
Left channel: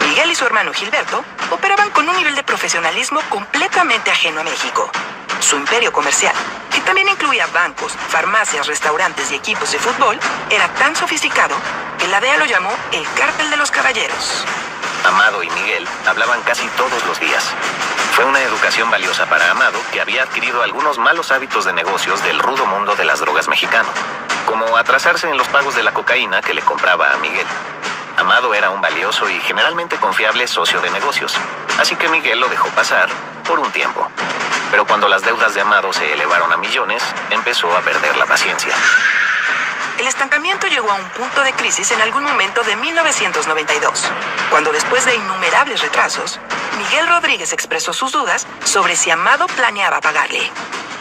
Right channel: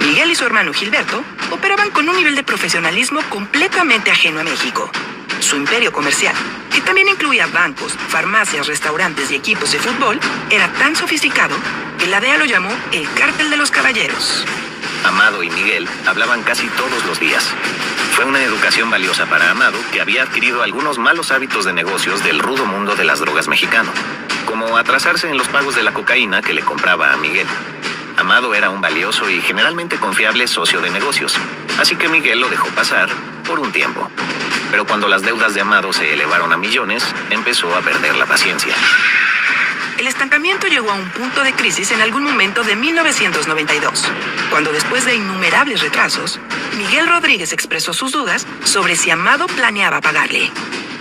Miguel y su hermano Gilberto operaban con un nivel de profesionalismo completamente ajeno a México. Su imperio comercial, que también incluía bancos, farmacias, restaurantes y equipos de fútbol, era tan sofisticado que la DEA lo llamó el Cártel de los Caballeros. Amado y Miguel hablaban casi todos los días. Fue una educación valiosa para Amado, que había adquirido algunos malos hábitos de negocios del rudo mundo de las drogas mexicano, como atrasarse en los pagos de la cocaína que le compraba a Miguel. Amado era un valioso y generalmente confiable socio de negocios, así que Miguel lo dejó pasar por un tiempo. Pero cuando las deudas de Amado se elevaron a millones, empezó a perder la paciencia. El estancamiento llegó a un punto de crisis en algún momento de 1992, cuando después de innumerables retrasos, Miguel Rodríguez expresó sus dudas sobre si Amado planeaba pagarle.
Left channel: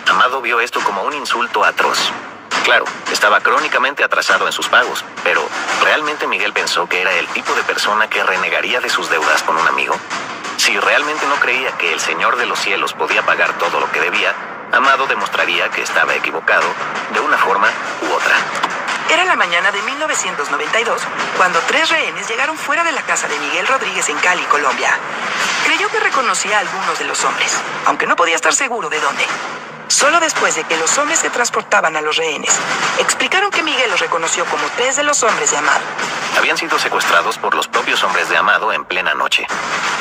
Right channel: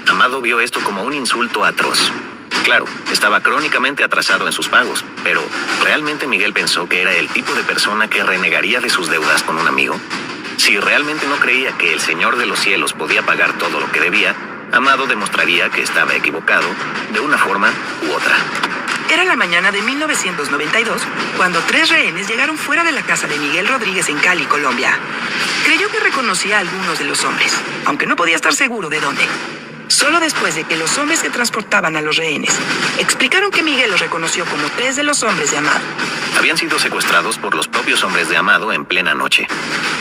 Amado vio esto como un insulto atroz. Claro, estaba crónicamente atrasado en sus pagos, pero ¿realmente Miguel pensó que era el tipo de persona que renegaría de sus deudas con un amigo? Si realmente no creía que el Señor de los Cielos podía pagar todo lo que debía, Amado demostraría que estaba equivocado de una forma u otra. Era la mañana de 1992 cuando 3 rehenes llegaron fuera de la casa de Miguel Rodríguez en Cali, Colombia. Creyó que reconocía a algunos de los hombres, aunque no podía estar seguro de dónde. Solo después de que los hombres que transportaban a los rehenes explicaron que Miguel los reconoció como 3 de los hombres de Amado. Habían sido secuestrados por los propios hombres de Amado en plena noche.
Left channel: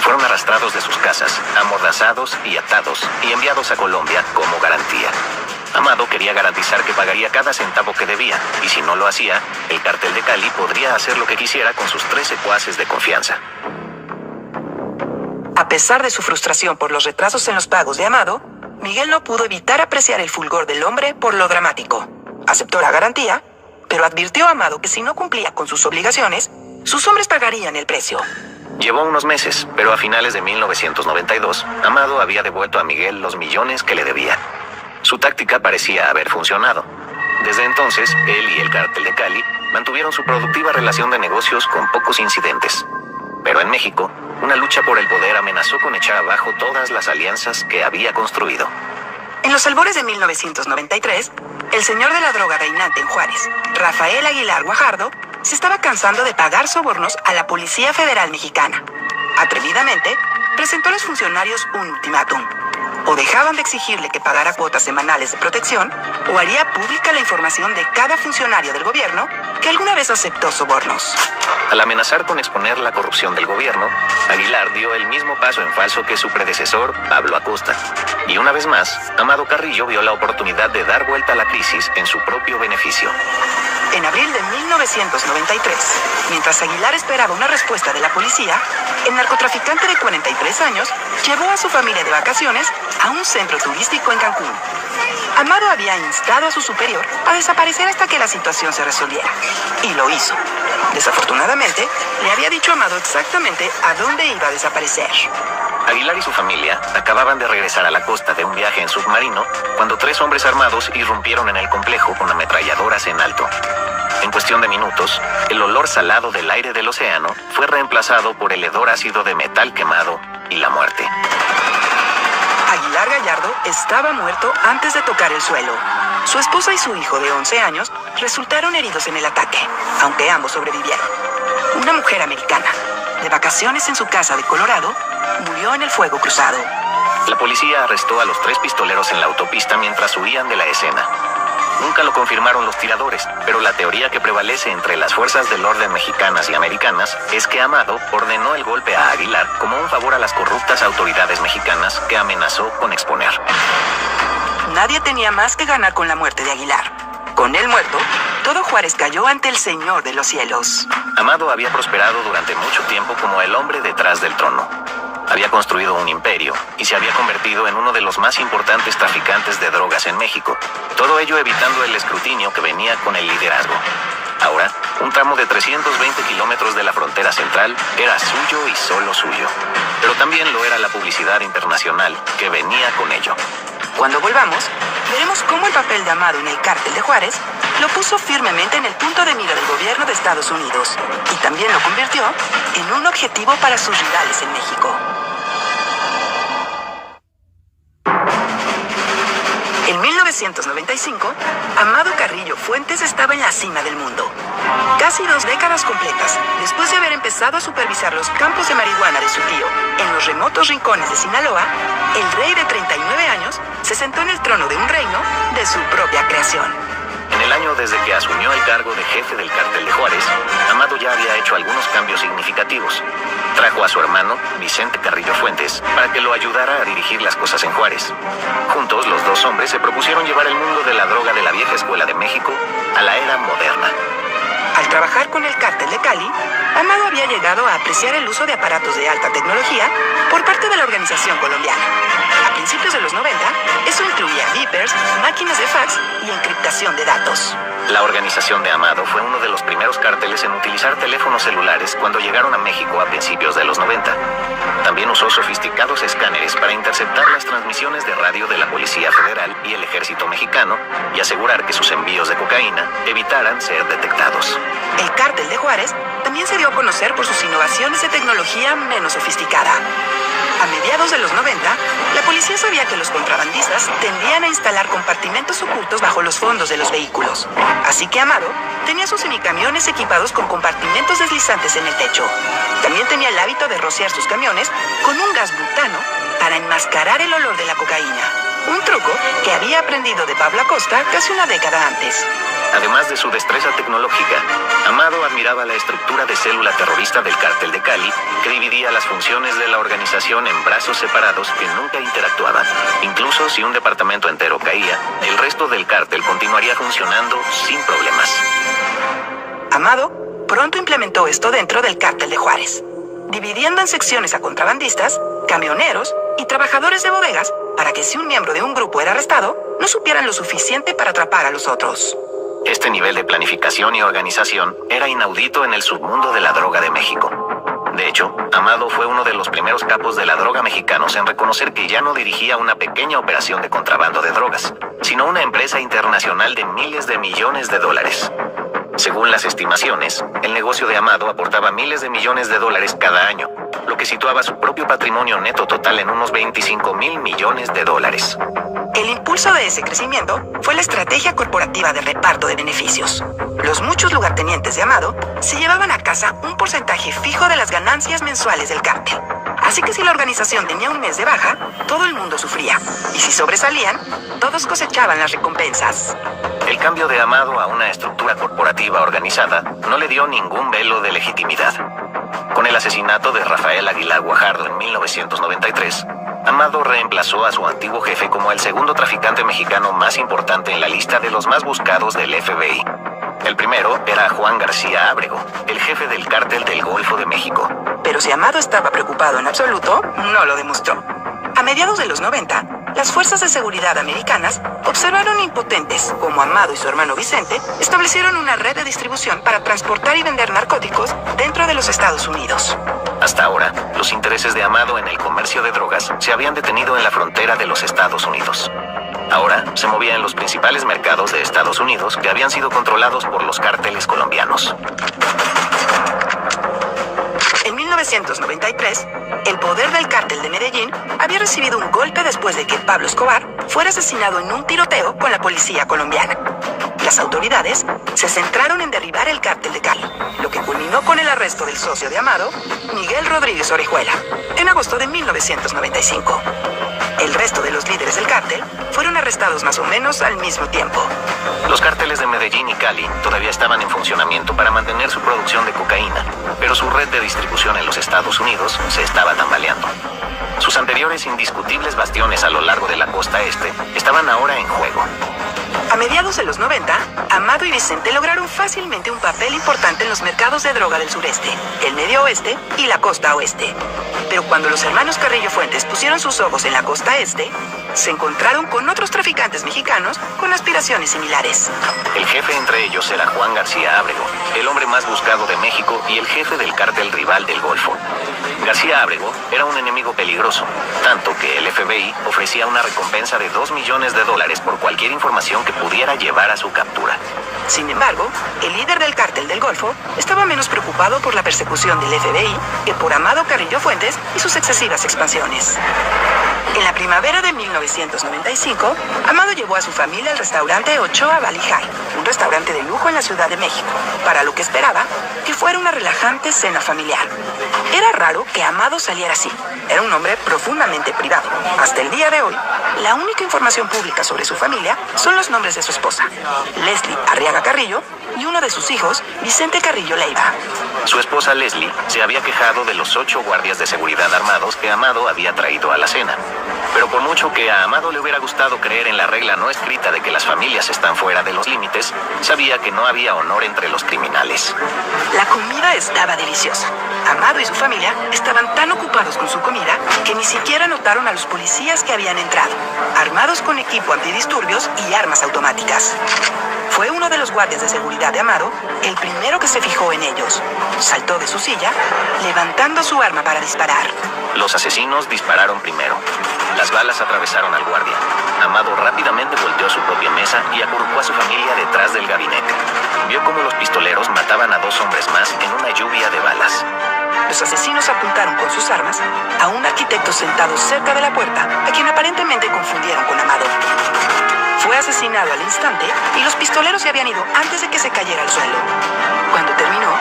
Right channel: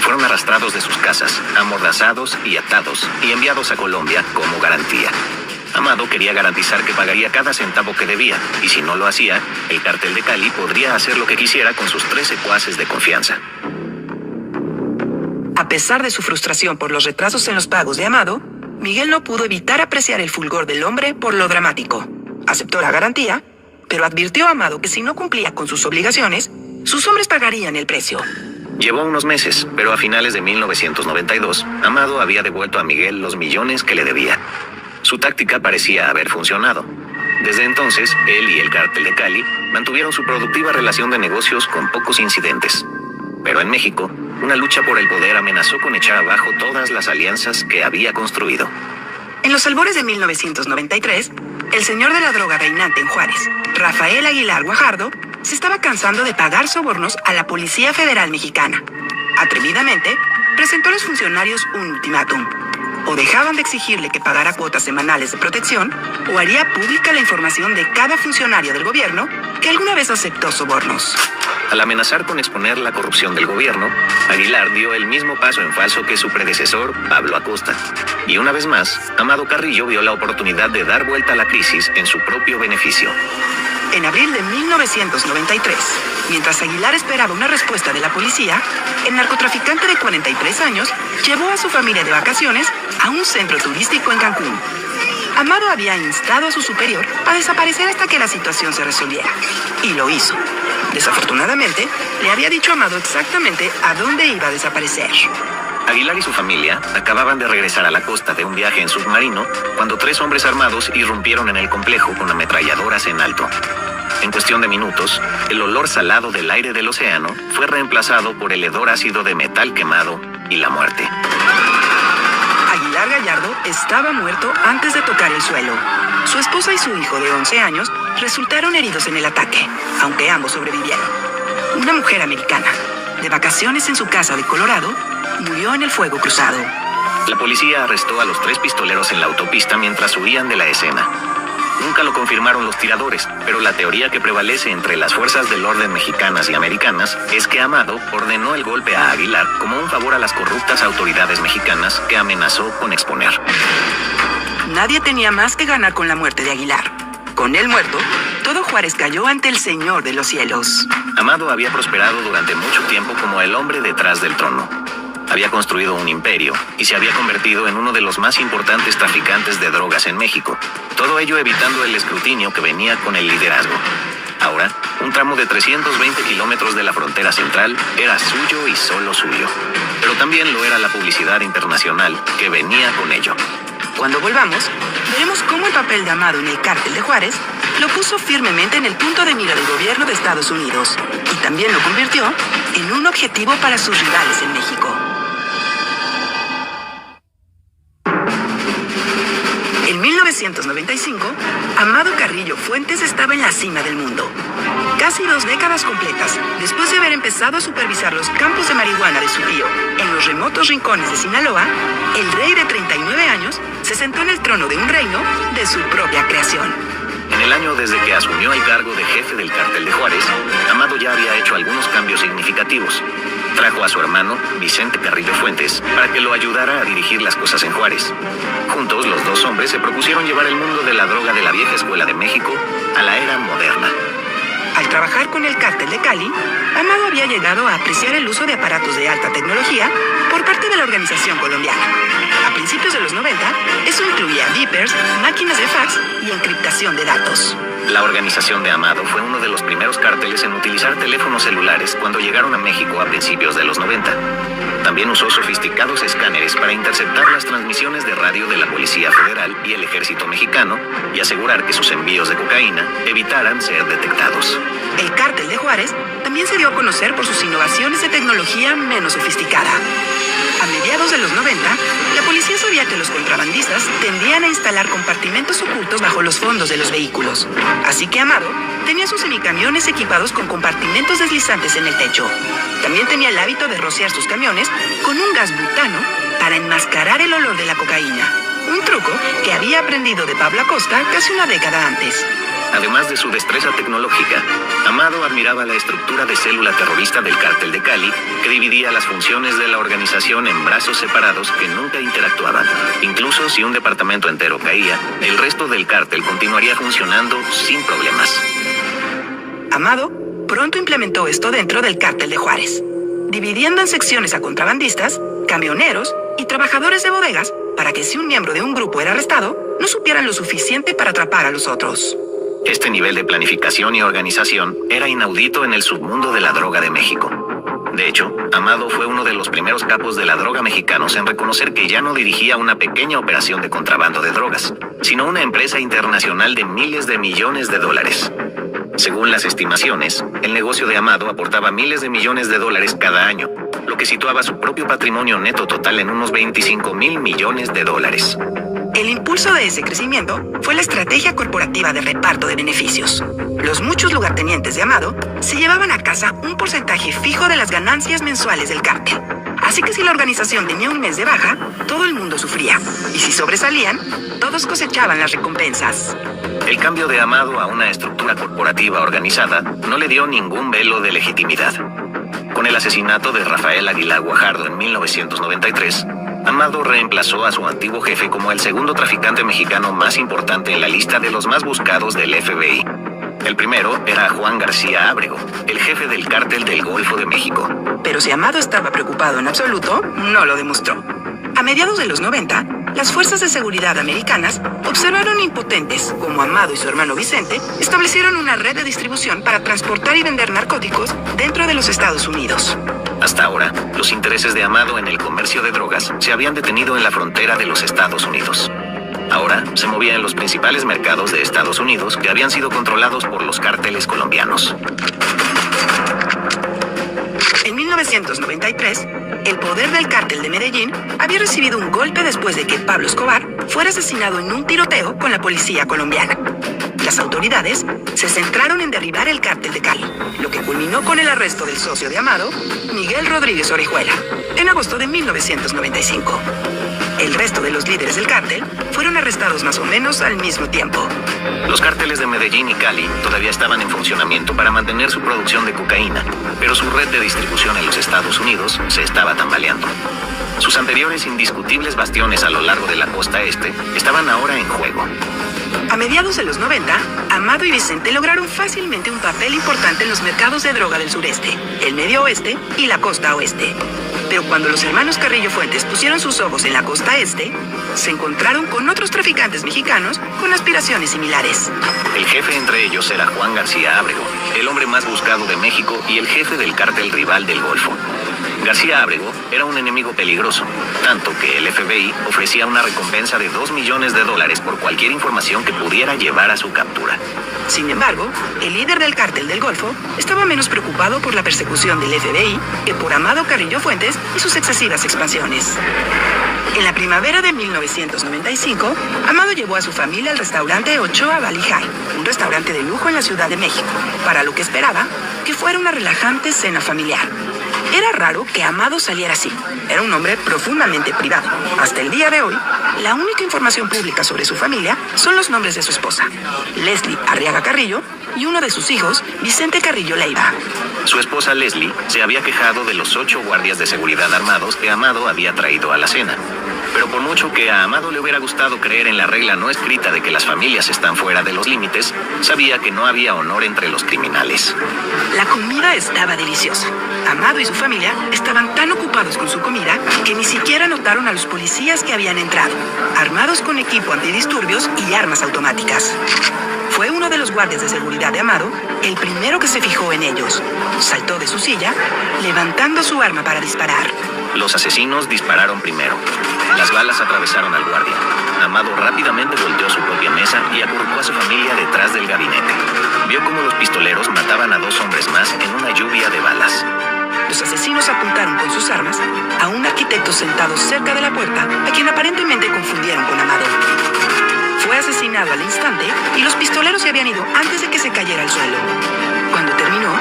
Fueron arrastrados de sus casas, amordazados y atados, y enviados a Colombia como garantía. Amado quería garantizar que pagaría cada centavo que debía, y si no lo hacía, el Cártel de Cali podría hacer lo que quisiera con sus 3 secuaces de confianza. A pesar de su frustración por los retrasos en los pagos de Amado, Miguel no pudo evitar apreciar el fulgor del hombre por lo dramático. Aceptó la garantía, pero advirtió a Amado que si no cumplía con sus obligaciones, sus hombres pagarían el precio. Llevó unos meses, pero a finales de 1992, Amado había devuelto a Miguel los millones que le debía. Su táctica parecía haber funcionado. Desde entonces, él y el Cártel de Cali mantuvieron su productiva relación de negocios con pocos incidentes. Pero en México, una lucha por el poder amenazó con echar abajo todas las alianzas que había construido. En los albores de 1993, el señor de la droga reinante en Juárez, Rafael Aguilar Guajardo, se estaba cansando de pagar sobornos a la Policía Federal Mexicana. Atrevidamente, presentó a los funcionarios un ultimátum. O dejaban de exigirle que pagara cuotas semanales de protección, o haría pública la información de cada funcionario del gobierno que alguna vez aceptó sobornos. Al amenazar con exponer la corrupción del gobierno, Aguilar dio el mismo paso en falso que su predecesor, Pablo Acosta. Y una vez más, Amado Carrillo vio la oportunidad de dar vuelta a la crisis en su propio beneficio. En abril de 1993, mientras Aguilar esperaba una respuesta de la policía, el narcotraficante de 43 años llevó a su familia de vacaciones a un centro turístico en Cancún. Amado había instado a su superior a desaparecer hasta que la situación se resolviera. Y lo hizo. Desafortunadamente, le había dicho a Amado exactamente a dónde iba a desaparecer. Aguilar y su familia acababan de regresar a la costa de un viaje en submarino cuando 3 hombres armados irrumpieron en el complejo con ametralladoras en alto. En cuestión de minutos, el olor salado del aire del océano fue reemplazado por el hedor ácido de metal quemado y la muerte. Aguilar Gallardo estaba muerto antes de tocar el suelo. Su esposa y su hijo de 11 años resultaron heridos en el ataque, aunque ambos sobrevivieron. Una mujer americana, de vacaciones en su casa de Colorado, murió en el fuego cruzado. La policía arrestó a los 3 pistoleros en la autopista mientras huían de la escena. Nunca lo confirmaron los tiradores, pero la teoría que prevalece entre las fuerzas del orden mexicanas y americanas es que Amado ordenó el golpe a Aguilar como un favor a las corruptas autoridades mexicanas que amenazó con exponer. Nadie tenía más que ganar con la muerte de Aguilar. Con él muerto, todo Juárez cayó ante el Señor de los cielos. Amado había prosperado durante mucho tiempo como el hombre detrás del trono. Había construido un imperio y se había convertido en uno de los más importantes traficantes de drogas en México. Todo ello evitando el escrutinio que venía con el liderazgo. Ahora, un tramo de 320 kilómetros de la frontera central era suyo y solo suyo. Pero también lo era la publicidad internacional que venía con ello. Cuando volvamos, veremos cómo el papel de Amado en el cártel de Juárez lo puso firmemente en el punto de mira del gobierno de Estados Unidos y también lo convirtió en un objetivo para sus rivales en México. En 1995, Amado Carrillo Fuentes estaba en la cima del mundo. Casi 2 décadas completas después de haber empezado a supervisar los campos de marihuana de su tío en los remotos rincones de Sinaloa, el rey de 39 años se sentó en el trono de un reino de su propia creación. En el año desde que asumió el cargo de jefe del cártel de Juárez, Amado ya había hecho algunos cambios significativos. Trajo a su hermano, Vicente Carrillo Fuentes, para que lo ayudara a dirigir las cosas en Juárez. Juntos, los 2 hombres se propusieron llevar el mundo de la droga de la vieja escuela de México a la era moderna. Al trabajar con el cártel de Cali, Amado había llegado a apreciar el uso de aparatos de alta tecnología por parte de la organización colombiana. A principios de los 90, eso incluía beepers, máquinas de fax y encriptación de datos. La organización de Amado fue uno de los primeros cárteles en utilizar teléfonos celulares cuando llegaron a México a principios de los 90. También usó sofisticados escáneres para interceptar las transmisiones de radio de la Policía Federal y el Ejército Mexicano y asegurar que sus envíos de cocaína evitaran ser detectados. El cártel de Juárez también se dio a conocer por sus innovaciones de tecnología menos sofisticada. A mediados de los 90, la policía sabía que los contrabandistas tendían a instalar compartimentos ocultos bajo los fondos de los vehículos. Así que Amado tenía sus semicamiones equipados con compartimentos deslizantes en el techo. También tenía el hábito de rociar sus camiones con un gas butano para enmascarar el olor de la cocaína. Un truco que había aprendido de Pablo Acosta casi una década antes. Además de su destreza tecnológica, Amado admiraba la estructura de célula terrorista del cártel de Cali, que dividía las funciones de la organización en brazos separados que nunca interactuaban. Incluso si un departamento entero caía, el resto del cártel continuaría funcionando sin problemas. Amado pronto implementó esto dentro del cártel de Juárez, dividiendo en secciones a contrabandistas, camioneros y trabajadores de bodegas para que si un miembro de un grupo era arrestado, no supieran lo suficiente para atrapar a los otros. Este nivel de planificación y organización era inaudito en el submundo de la droga de México. De hecho, Amado fue uno de los primeros capos de la droga mexicanos en reconocer que ya no dirigía una pequeña operación de contrabando de drogas, sino una empresa internacional de miles de millones de dólares. Según las estimaciones, el negocio de Amado aportaba miles de millones de dólares cada año, lo que situaba su propio patrimonio neto total en unos 25,000 millones de dólares. El impulso de ese crecimiento fue la estrategia corporativa de reparto de beneficios. Los muchos lugartenientes de Amado se llevaban a casa un porcentaje fijo de las ganancias mensuales del cártel. Así que si la organización tenía un mes de baja, todo el mundo sufría. Y si sobresalían, todos cosechaban las recompensas. El cambio de Amado a una estructura corporativa organizada no le dio ningún velo de legitimidad. Con el asesinato de Rafael Aguilar Guajardo en 1993, Amado reemplazó a su antiguo jefe como el segundo traficante mexicano más importante en la lista de los más buscados del FBI. El primero era Juan García Ábrego, el jefe del cártel del Golfo de México. Pero si Amado estaba preocupado en absoluto, no lo demostró. A mediados de los 90, las fuerzas de seguridad americanas observaron impotentes cómo Amado y su hermano Vicente establecieron una red de distribución para transportar y vender narcóticos dentro de los Estados Unidos. Hasta ahora, los intereses de Amado en el comercio de drogas se habían detenido en la frontera de los Estados Unidos. Ahora se movía en los principales mercados de Estados Unidos que habían sido controlados por los cárteles colombianos. En 1993, el poder del cártel de Medellín había recibido un golpe después de que Pablo Escobar fuera asesinado en un tiroteo con la policía colombiana. Las autoridades se centraron en derribar el cártel de Cali, lo que culminó con el arresto del socio de Amado, Miguel Rodríguez Orejuela, en agosto de 1995. El resto de los líderes del cártel fueron arrestados más o menos al mismo tiempo. Los cárteles de Medellín y Cali todavía estaban en funcionamiento para mantener su producción de cocaína, pero su red de distribución en los Estados Unidos se estaba tambaleando. Sus anteriores indiscutibles bastiones a lo largo de la costa este estaban ahora en juego. A mediados de los 90, Amado y Vicente lograron fácilmente un papel importante en los mercados de droga del sureste, el medio oeste y la costa oeste. Pero cuando los hermanos Carrillo Fuentes pusieron sus ojos en la costa este, se encontraron con otros traficantes mexicanos con aspiraciones similares. El jefe entre ellos era Juan García Ábrego, el hombre más buscado de México y el jefe del cártel rival del Golfo. García Ábrego era un enemigo peligroso, tanto que el FBI ofrecía una recompensa de $2 millones por cualquier información que pudiera llevar a su captura. Sin embargo, el líder del cártel del Golfo estaba menos preocupado por la persecución del FBI que por Amado Carrillo Fuentes y sus excesivas expansiones. En la primavera de 1995, Amado llevó a su familia al restaurante Ochoa Valley High, un restaurante de lujo en la Ciudad de México, para lo que esperaba que fuera una relajante cena familiar. Era raro que Amado saliera así. Era un hombre profundamente privado. Hasta el día de hoy, la única información pública sobre su familia son los nombres de su esposa, Leslie Arriaga Carrillo, y uno de sus hijos, Vicente Carrillo Leiva. Su esposa Leslie se había quejado de los 8 guardias de seguridad armados que Amado había traído a la cena. Pero por mucho que a Amado le hubiera gustado creer en la regla no escrita de que las familias están fuera de los límites, sabía que no había honor entre los criminales. La comida estaba deliciosa. Amado y su familia estaban tan ocupados con su comida que ni siquiera notaron a los policías que habían entrado, armados con equipo antidisturbios y armas automáticas. Fue uno de los guardias de seguridad de Amado el primero que se fijó en ellos. Saltó de su silla, levantando su arma para disparar. Los asesinos dispararon primero. Las balas atravesaron al guardia. Amado rápidamente volteó su propia mesa y acurrucó a su familia detrás del gabinete. Vio cómo los pistoleros mataban a 2 hombres más en una lluvia de balas. Los asesinos apuntaron con sus armas a un arquitecto sentado cerca de la puerta, a quien aparentemente confundieron con Amado. Fue asesinado al instante y los pistoleros se habían ido antes de que se cayera al suelo. Cuando terminó,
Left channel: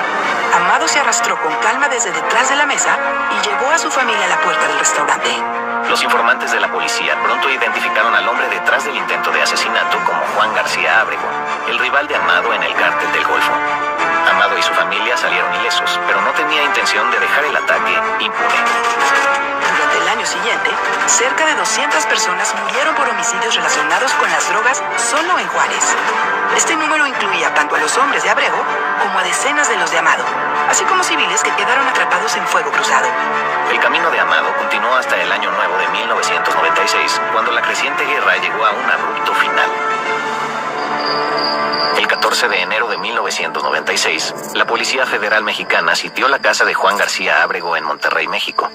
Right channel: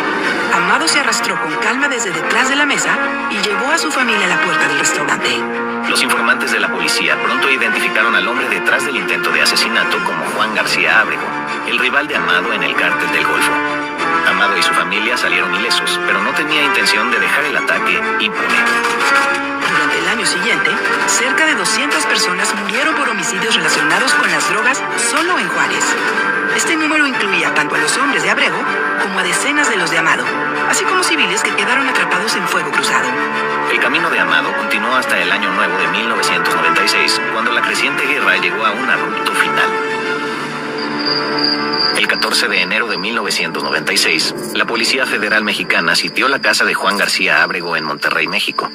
Amado se arrastró con calma desde detrás de la mesa y llevó a su familia a la puerta del restaurante. Los informantes de la policía pronto identificaron al hombre detrás del intento de asesinato como Juan García Ábrego, el rival de Amado en el cártel del Golfo. Amado y su familia salieron ilesos, pero no tenía intención de dejar el ataque impune. Durante el año siguiente, cerca de 200 personas murieron por homicidios relacionados con las drogas solo en Juárez. Este número incluía tanto a los hombres de Ábrego como a decenas de los de Amado, así como civiles que quedaron atrapados en fuego cruzado. El camino de Amado continuó hasta el Año Nuevo de 1996, cuando la creciente guerra llegó a un abrupto final. El 14 de enero de 1996, la Policía Federal Mexicana sitió la casa de Juan García Ábrego en Monterrey, México.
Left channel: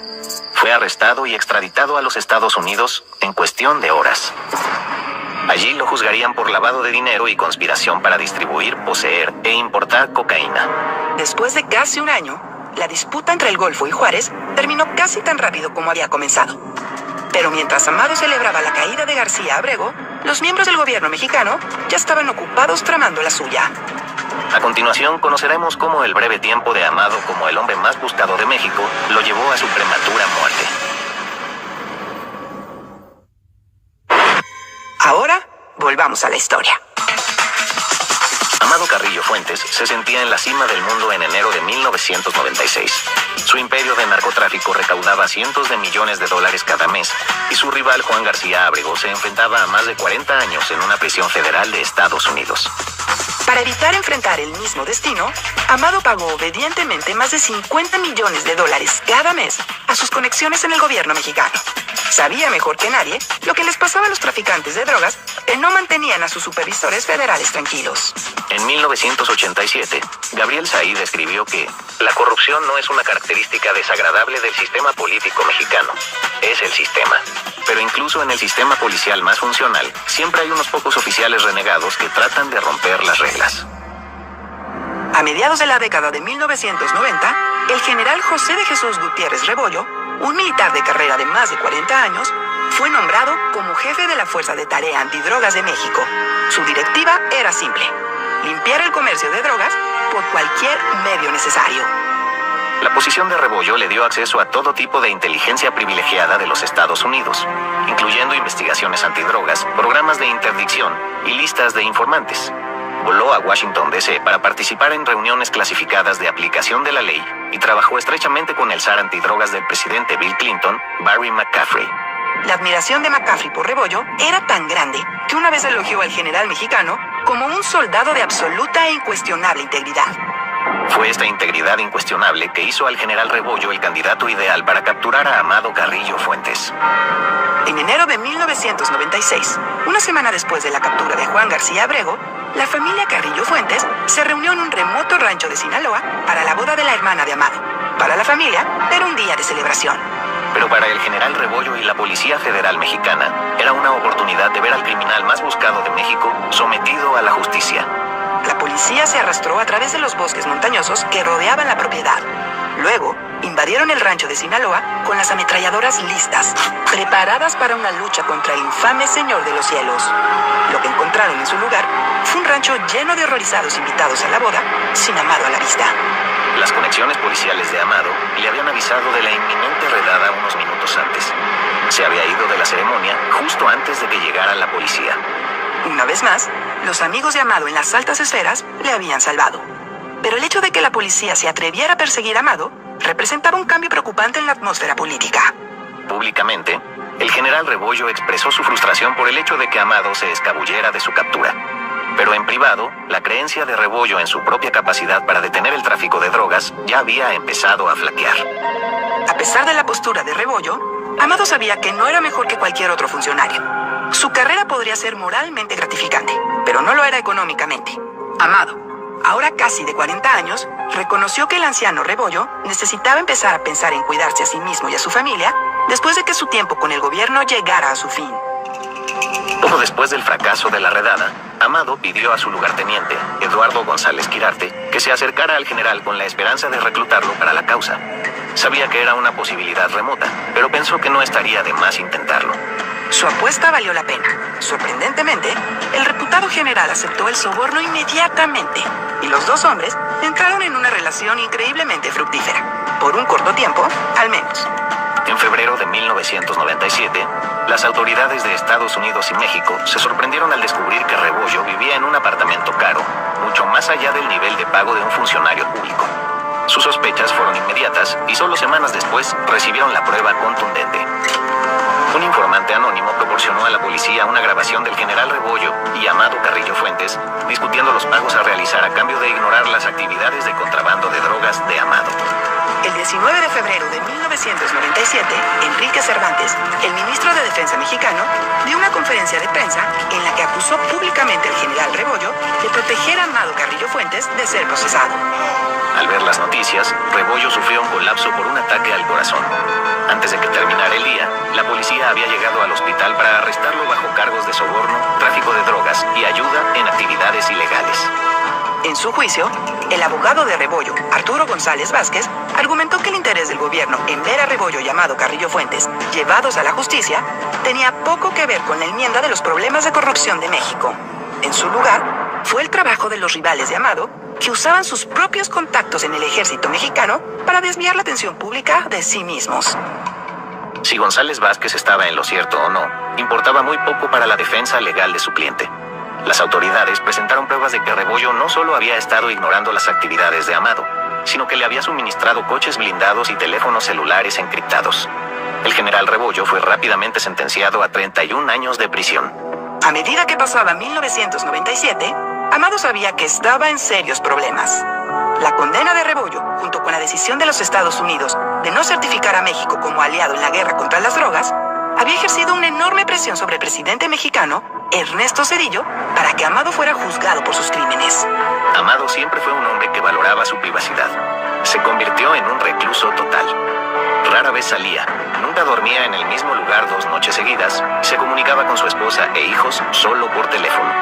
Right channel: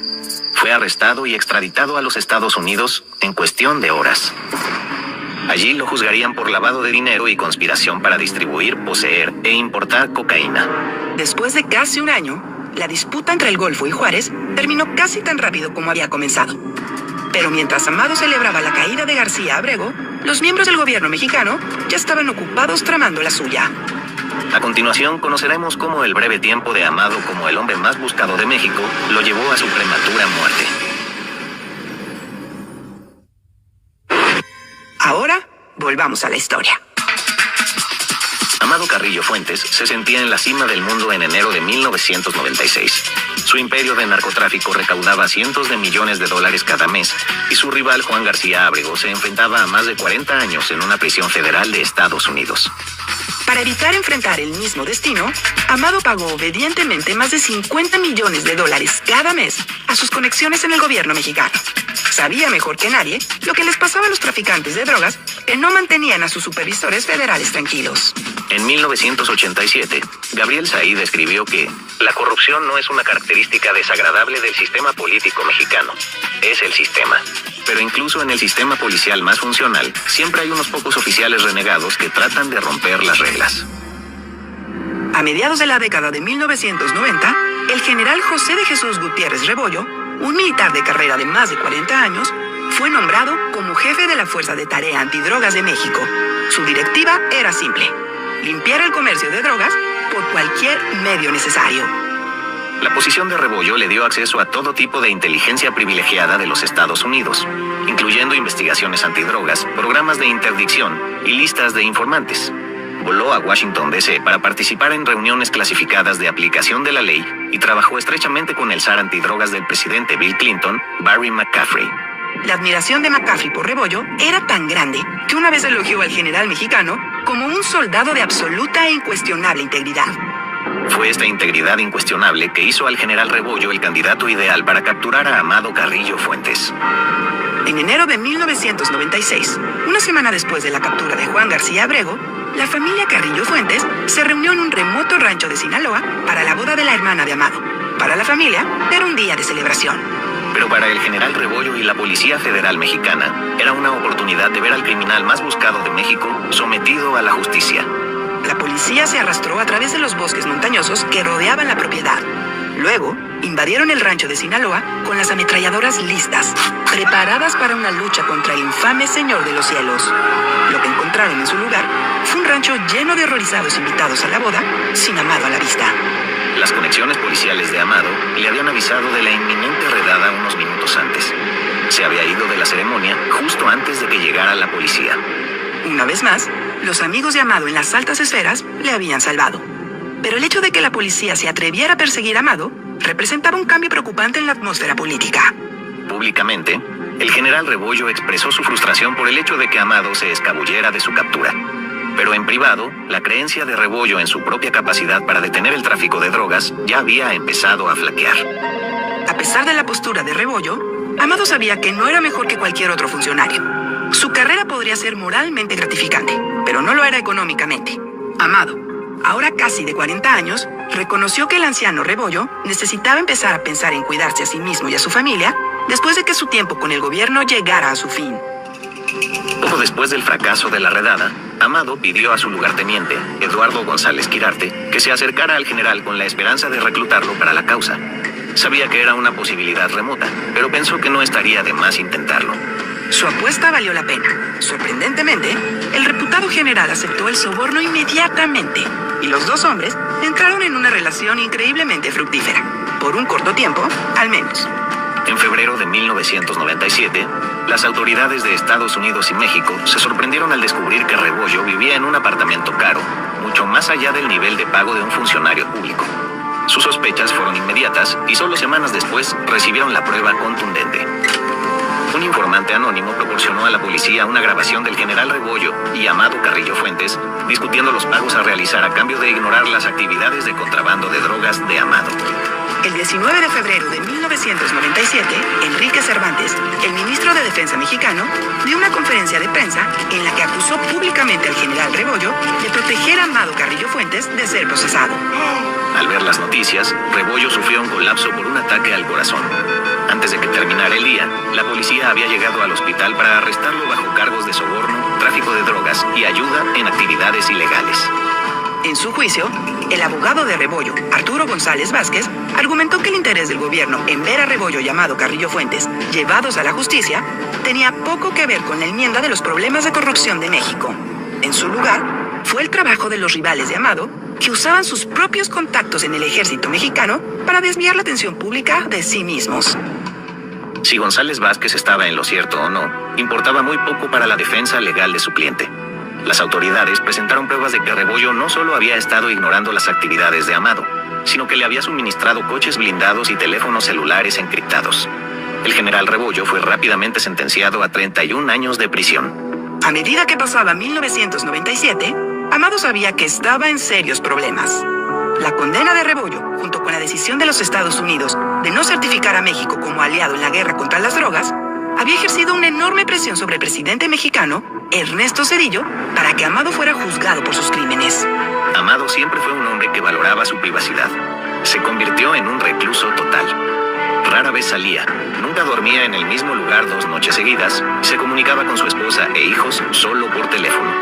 Fue arrestado y extraditado a los Estados Unidos en cuestión de horas. Allí lo juzgarían por lavado de dinero y conspiración para distribuir, poseer e importar cocaína. Después de casi un año, la disputa entre el Golfo y Juárez terminó casi tan rápido como había comenzado. Pero mientras Amado celebraba la caída de García Ábrego, los miembros del gobierno mexicano ya estaban ocupados tramando la suya. A continuación, conoceremos cómo el breve tiempo de Amado como el hombre más buscado de México lo llevó a su prematura muerte. Ahora, volvamos a la historia. Amado Carrillo Fuentes se sentía en la cima del mundo en enero de 1996. Su imperio de narcotráfico recaudaba cientos de millones de dólares cada mes, y su rival Juan García Ábrego se enfrentaba a más de 40 años en una prisión federal de Estados Unidos. Para evitar enfrentar el mismo destino, Amado pagó obedientemente más de 50 millones de dólares cada mes a sus conexiones en el gobierno mexicano. Sabía mejor que nadie lo que les pasaba a los traficantes de drogas que no mantenían a sus supervisores federales tranquilos. En 1987, Gabriel Said escribió que la corrupción no es una característica desagradable del sistema político mexicano, es el sistema. Pero incluso en el sistema policial más funcional, siempre hay unos pocos oficiales renegados que tratan de romper las reglas. A mediados de la década de 1990, el general José de Jesús Gutiérrez Rebollo, un militar de carrera de más de 40 años, fue nombrado como jefe de la Fuerza de Tarea Antidrogas de México. Su directiva era simple: limpiar el comercio de drogas por cualquier medio necesario. La posición de Rebollo le dio acceso a todo tipo de inteligencia privilegiada de los Estados Unidos, incluyendo investigaciones antidrogas, programas de interdicción y listas de informantes. Voló a Washington, D.C. para participar en reuniones clasificadas de aplicación de la ley y trabajó estrechamente con el zar antidrogas del presidente Bill Clinton, Barry McCaffrey. La admiración de McCaffrey por Rebollo era tan grande que una vez elogió al general mexicano como un soldado de absoluta e incuestionable integridad. Fue esta integridad incuestionable que hizo al general Rebollo el candidato ideal para capturar a Amado Carrillo Fuentes. En enero de 1996, una semana después de la captura de Juan García Abrego, la familia Carrillo Fuentes se reunió en un remoto rancho de Sinaloa para la boda de la hermana de Amado. Para la familia, era un día de celebración. Pero para el general Rebollo y la Policía Federal Mexicana, era una oportunidad de ver al criminal más buscado de México sometido a la justicia. La policía se arrastró a través de los bosques montañosos que rodeaban la propiedad. Luego, invadieron el rancho de Sinaloa con las ametralladoras listas, preparadas para una lucha contra el infame Señor de los Cielos. Lo que encontraron en su lugar fue un rancho lleno de horrorizados invitados a la boda, sin Amado a la vista. Las conexiones policiales de Amado le habían avisado de la inminente redada unos minutos antes. Se había ido de la ceremonia justo antes de que llegara la policía. Una vez más, los amigos de Amado en las altas esferas le habían salvado. Pero el hecho de que la policía se atreviera a perseguir a Amado representaba un cambio preocupante en la atmósfera política. Públicamente, el general Rebollo expresó su frustración por el hecho de que Amado se escabullera de su captura. Pero en privado, la creencia de Rebollo en su propia capacidad para detener el tráfico de drogas ya había empezado a flaquear. A pesar de la postura de Rebollo, Amado sabía que no era mejor que cualquier otro funcionario. Su carrera podría ser moralmente gratificante, pero no lo era económicamente. Amado, ahora casi de 40 años, reconoció que el anciano Rebollo necesitaba empezar a pensar en cuidarse a sí mismo y a su familia después de que su tiempo con el gobierno llegara a su fin. Poco después del fracaso de la redada, Amado pidió a su lugarteniente, Eduardo González Quirarte, que se acercara al general con la esperanza de reclutarlo para la causa. Sabía que era una posibilidad remota, pero pensó que no estaría de más intentarlo. Su apuesta valió la pena. Sorprendentemente, el reputado general aceptó el soborno inmediatamente, y los dos hombres entraron en una relación increíblemente fructífera. Por un corto tiempo, al menos. En febrero de 1997, las autoridades de Estados Unidos y México se sorprendieron al descubrir que Rebollo vivía en un apartamento caro, mucho más allá del nivel de pago de un funcionario público. Sus sospechas fueron inmediatas y solo semanas después recibieron la prueba contundente. Un informante anónimo proporcionó a la policía una grabación del general Rebollo y Amado Carrillo Fuentes discutiendo los pagos a realizar a cambio de ignorar las actividades de contrabando de drogas de Amado. El 19 de febrero de 1997, Enrique Cervantes, el ministro de Defensa mexicano, dio una conferencia de prensa en la que acusó públicamente al general Rebollo de proteger a Amado Carrillo Fuentes de ser procesado. Al ver las noticias, Rebollo sufrió un colapso por un ataque al corazón. Antes de que terminara el día, la policía había llegado al hospital para arrestarlo bajo cargos de soborno, tráfico de drogas y ayuda en actividades ilegales. En su juicio, el abogado de Rebollo, Arturo González Vázquez, argumentó que el interés del gobierno en ver a Rebollo y Amado Carrillo Fuentes llevados a la justicia tenía poco que ver con la enmienda de los problemas de corrupción de México. En su lugar, fue el trabajo de los rivales de Amado que usaban sus propios contactos en el ejército mexicano para desviar la atención pública de sí mismos. Si González Vázquez estaba en lo cierto o no, importaba muy poco para la defensa legal de su cliente. Las autoridades presentaron pruebas de que Rebollo no solo había estado ignorando las actividades de Amado, sino que le había suministrado coches blindados y teléfonos celulares encriptados. El general Rebollo fue rápidamente sentenciado a 31 años de prisión. A medida que pasaba 1997, Amado sabía que estaba en serios problemas. La condena de Rebollo, junto con la decisión de los Estados Unidos de no certificar a México como aliado en la guerra contra las drogas, había ejercido una enorme presión sobre el presidente mexicano, Ernesto Zedillo, para que Amado fuera juzgado por sus crímenes. Amado siempre fue un hombre que valoraba su privacidad. Se convirtió en un recluso total. Rara vez salía, nunca dormía en el mismo lugar 2 noches seguidas y se comunicaba con su esposa e hijos solo por teléfono.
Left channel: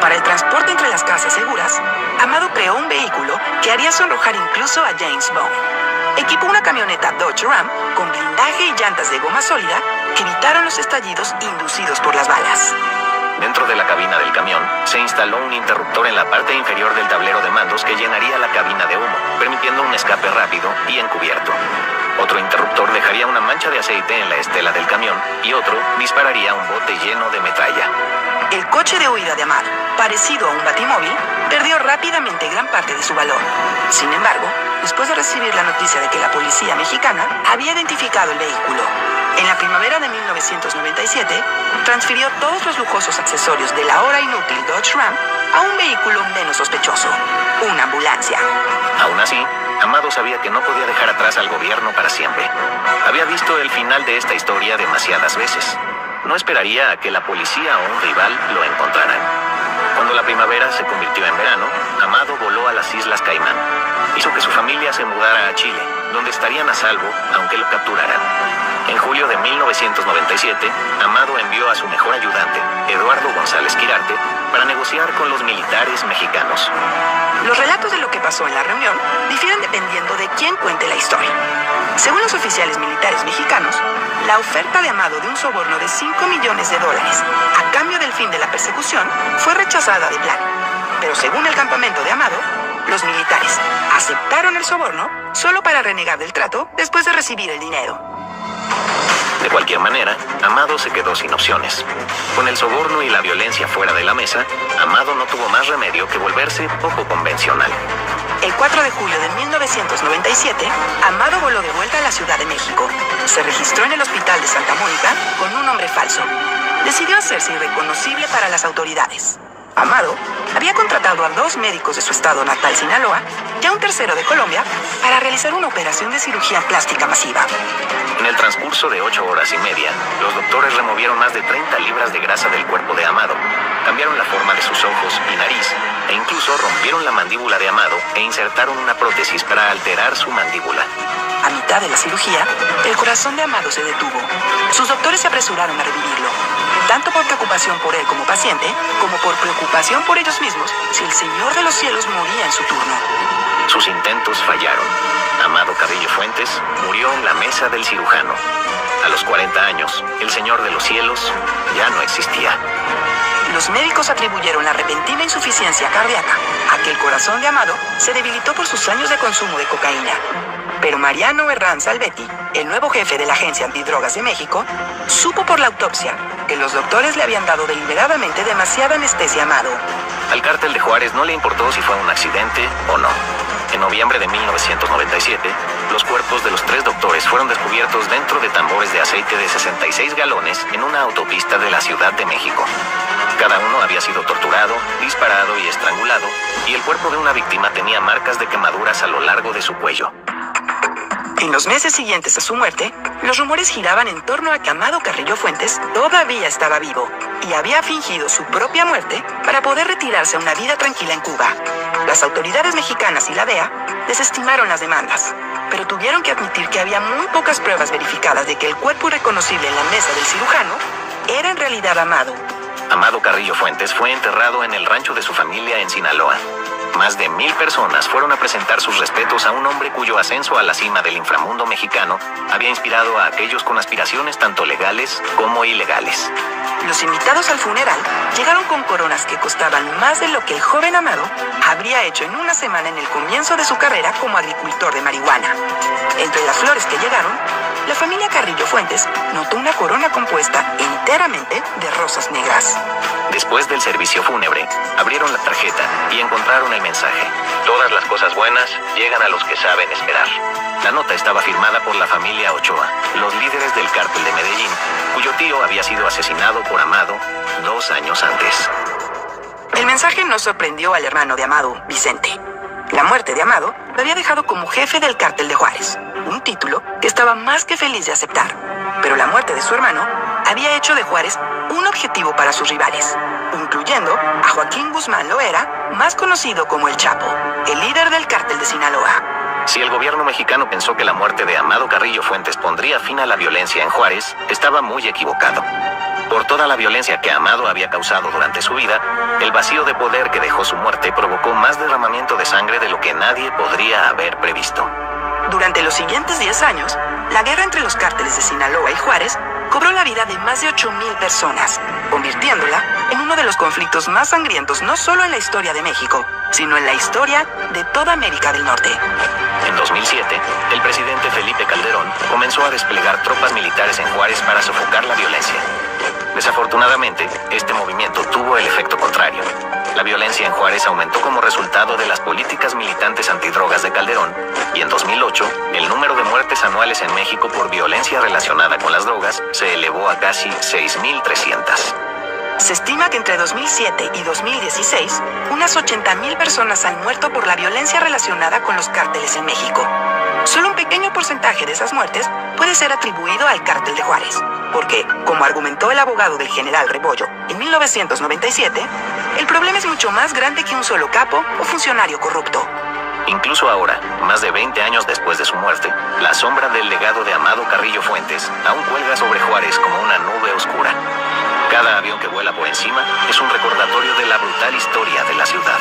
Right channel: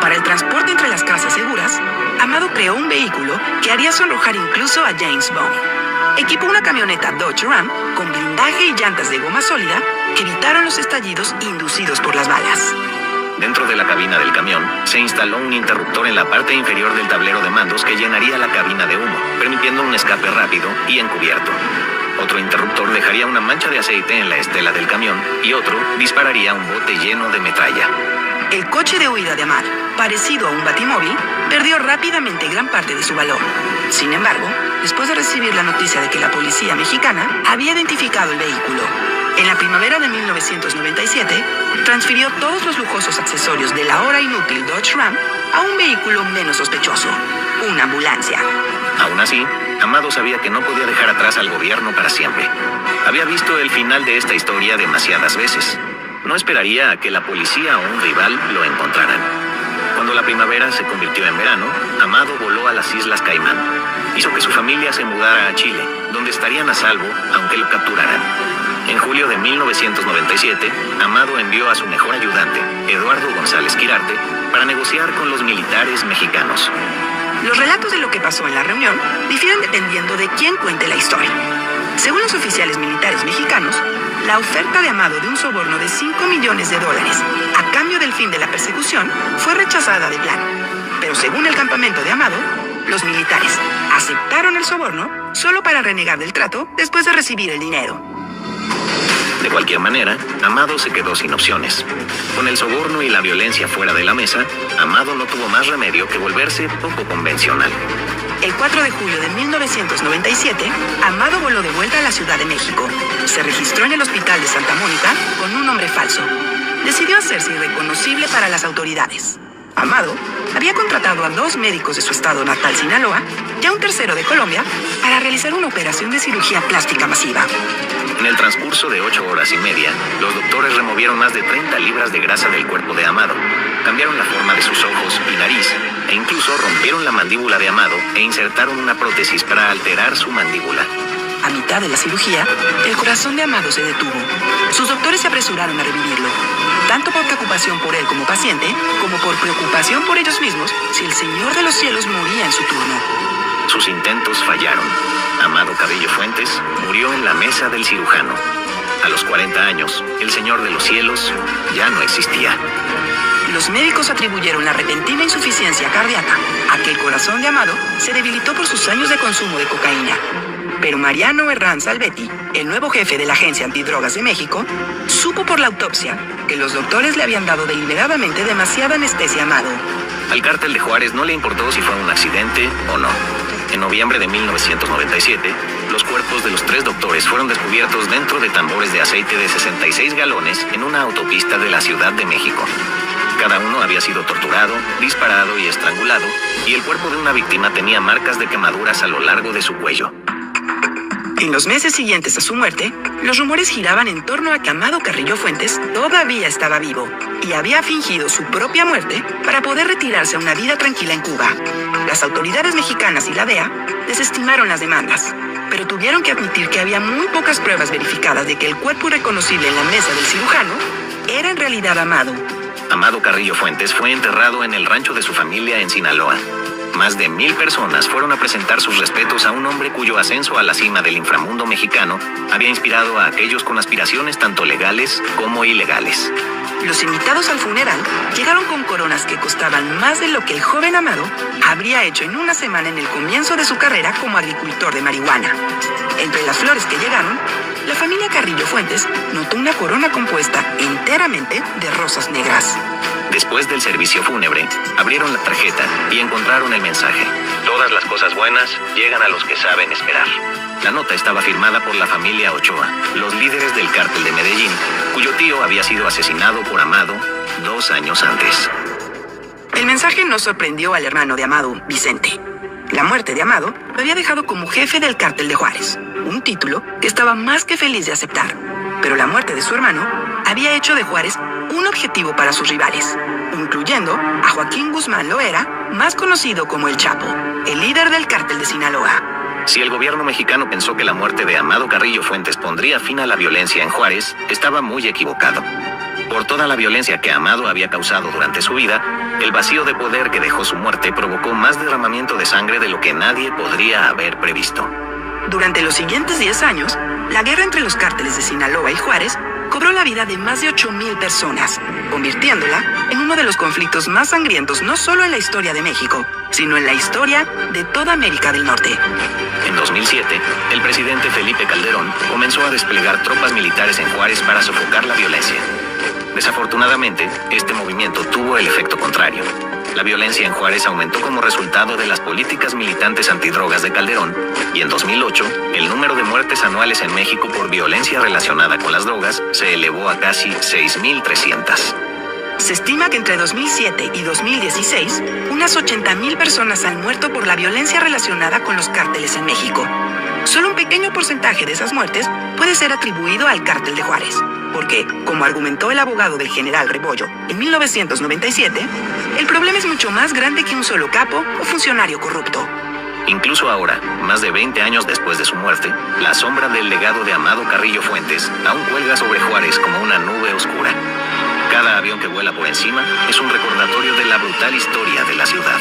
Para el transporte entre las casas seguras, Amado creó un vehículo que haría sonrojar incluso a James Bond. Equipó una camioneta Dodge Ram con blindaje y llantas de goma sólida que evitaron los estallidos inducidos por las balas. Dentro de la cabina del camión, se instaló un interruptor en la parte inferior del tablero de mandos que llenaría la cabina de humo, permitiendo un escape rápido y encubierto. Otro interruptor dejaría una mancha de aceite en la estela del camión y otro dispararía un bote lleno de metralla. El coche de huida de Amado, parecido a un batimóvil, perdió rápidamente gran parte de su valor. Sin embargo, después de recibir la noticia de que la policía mexicana había identificado el vehículo, en la primavera de 1997, transfirió todos los lujosos accesorios de la ahora inútil Dodge Ram a un vehículo menos sospechoso, una ambulancia. Aún así, Amado sabía que no podía dejar atrás al gobierno para siempre. Había visto el final de esta historia demasiadas veces. No esperaría a que la policía o un rival lo encontraran. Cuando la primavera se convirtió en verano, Amado voló a las Islas Caimán. Hizo que su familia se mudara a Chile, donde estarían a salvo aunque lo capturaran. En julio de 1997, Amado envió a su mejor ayudante, Eduardo González Quirarte, para negociar con los militares mexicanos. Los relatos de lo que pasó en la reunión difieren dependiendo de quién cuente la historia. Según los oficiales militares mexicanos, la oferta de Amado de un soborno de $5 millones a cambio del fin de la persecución fue rechazada de plano. Pero según el campamento de Amado, los militares aceptaron el soborno solo para renegar del trato después de recibir el dinero. De cualquier manera, Amado se quedó sin opciones. Con el soborno y la violencia fuera de la mesa, Amado no tuvo más remedio que volverse poco convencional. El 4 de julio de 1997, Amado voló de vuelta a la Ciudad de México. Se registró en el hospital de Santa Mónica con un nombre falso. Decidió hacerse irreconocible para las autoridades. Amado había contratado a 2 médicos de su estado natal, Sinaloa, y a un tercero de Colombia para realizar una operación de cirugía plástica masiva. En el transcurso de 8 horas y media, los doctores removieron más de 30 libras de grasa del cuerpo de Amado, cambiaron la forma de sus ojos y nariz, e incluso rompieron la mandíbula de Amado e insertaron una prótesis para alterar su mandíbula. A mitad de la cirugía, el corazón de Amado se detuvo. Sus doctores se apresuraron a revivirlo, tanto por preocupación por él como paciente, como por preocupación por ellos mismos si el Señor de los Cielos moría en su turno. Sus intentos fallaron. Amado Carrillo Fuentes murió en la mesa del cirujano. A los 40 años, el Señor de los Cielos ya no existía. Los médicos atribuyeron la repentina insuficiencia cardíaca a que el corazón de Amado se debilitó por sus años de consumo de cocaína. Pero Mariano Herrán Salvetti, el nuevo jefe de la Agencia Antidrogas de México, supo por la autopsia que los doctores le habían dado deliberadamente demasiada anestesia a Amado. Al cártel de Juárez no le importó si fue un accidente o no. En noviembre de 1997, los cuerpos de los 3 doctores fueron descubiertos dentro de tambores de aceite de 66 galones en una autopista de la Ciudad de México. Cada uno había sido torturado, disparado y estrangulado, y el cuerpo de una víctima tenía marcas de quemaduras a lo largo de su cuello. En los meses siguientes a su muerte, los rumores giraban en torno a que Amado Carrillo Fuentes todavía estaba vivo y había fingido su propia muerte para poder retirarse a una vida tranquila en Cuba. Las autoridades mexicanas y la DEA desestimaron las demandas, pero tuvieron que admitir que había muy pocas pruebas verificadas de que el cuerpo irreconocible en la mesa del cirujano era en realidad Amado. Amado Carrillo Fuentes fue enterrado en el rancho de su familia en Sinaloa. Más de 1000 personas fueron a presentar sus respetos a un hombre cuyo ascenso a la cima del inframundo mexicano había inspirado a aquellos con aspiraciones tanto legales como ilegales. Los invitados al funeral llegaron con coronas que costaban más de lo que el joven Amado habría hecho en una semana en el comienzo de su carrera como agricultor de marihuana. Entre las flores que llegaron, la familia Carrillo Fuentes notó una corona compuesta enteramente de rosas negras. Después del servicio fúnebre, abrieron la tarjeta y encontraron el mensaje: todas las cosas buenas llegan a los que saben esperar. La nota estaba firmada por la familia Ochoa, los líderes del cártel de Medellín, cuyo tío había sido asesinado por Amado 2 años antes. El mensaje no sorprendió al hermano de Amado, Vicente. La muerte de Amado lo había dejado como jefe del cártel de Juárez, un título que estaba más que feliz de aceptar. Pero la muerte de su hermano había hecho de Juárez un objetivo para sus rivales, incluyendo a Joaquín Guzmán Loera, más conocido como El Chapo, el líder del cártel de Sinaloa. Si el gobierno mexicano pensó que la muerte de Amado Carrillo Fuentes pondría fin a la violencia en Juárez, estaba muy equivocado. Por toda la violencia que Amado había causado durante su vida, el vacío de poder que dejó su muerte provocó más derramamiento de sangre de lo que nadie podría haber previsto. Durante los siguientes 10 años, la guerra entre los cárteles de Sinaloa y Juárez cobró la vida de más de 8,000 personas, convirtiéndola en uno de los conflictos más sangrientos no solo en la historia de México, sino en la historia de toda América del Norte. En 2007, el presidente Felipe Calderón comenzó a desplegar tropas militares en Juárez para sofocar la violencia. Desafortunadamente, este movimiento tuvo el efecto contrario. La violencia en Juárez aumentó como resultado de las políticas militantes antidrogas de Calderón, y en 2008, el número de muertes anuales en México por violencia relacionada con las drogas se elevó a casi 6,300. Se estima que entre 2007 y 2016, unas 80,000 personas han muerto por la violencia relacionada con los cárteles en México. Solo un pequeño porcentaje de esas muertes puede ser atribuido al cártel de Juárez, porque, como argumentó el abogado del general Rebollo en 1997, el problema es mucho más grande que un solo capo o funcionario corrupto. Incluso ahora, más de 20 años después de su muerte, la sombra del legado de Amado Carrillo Fuentes aún cuelga sobre Juárez como una nube oscura. Cada avión que vuela por encima es un recordatorio de la brutal historia de la ciudad.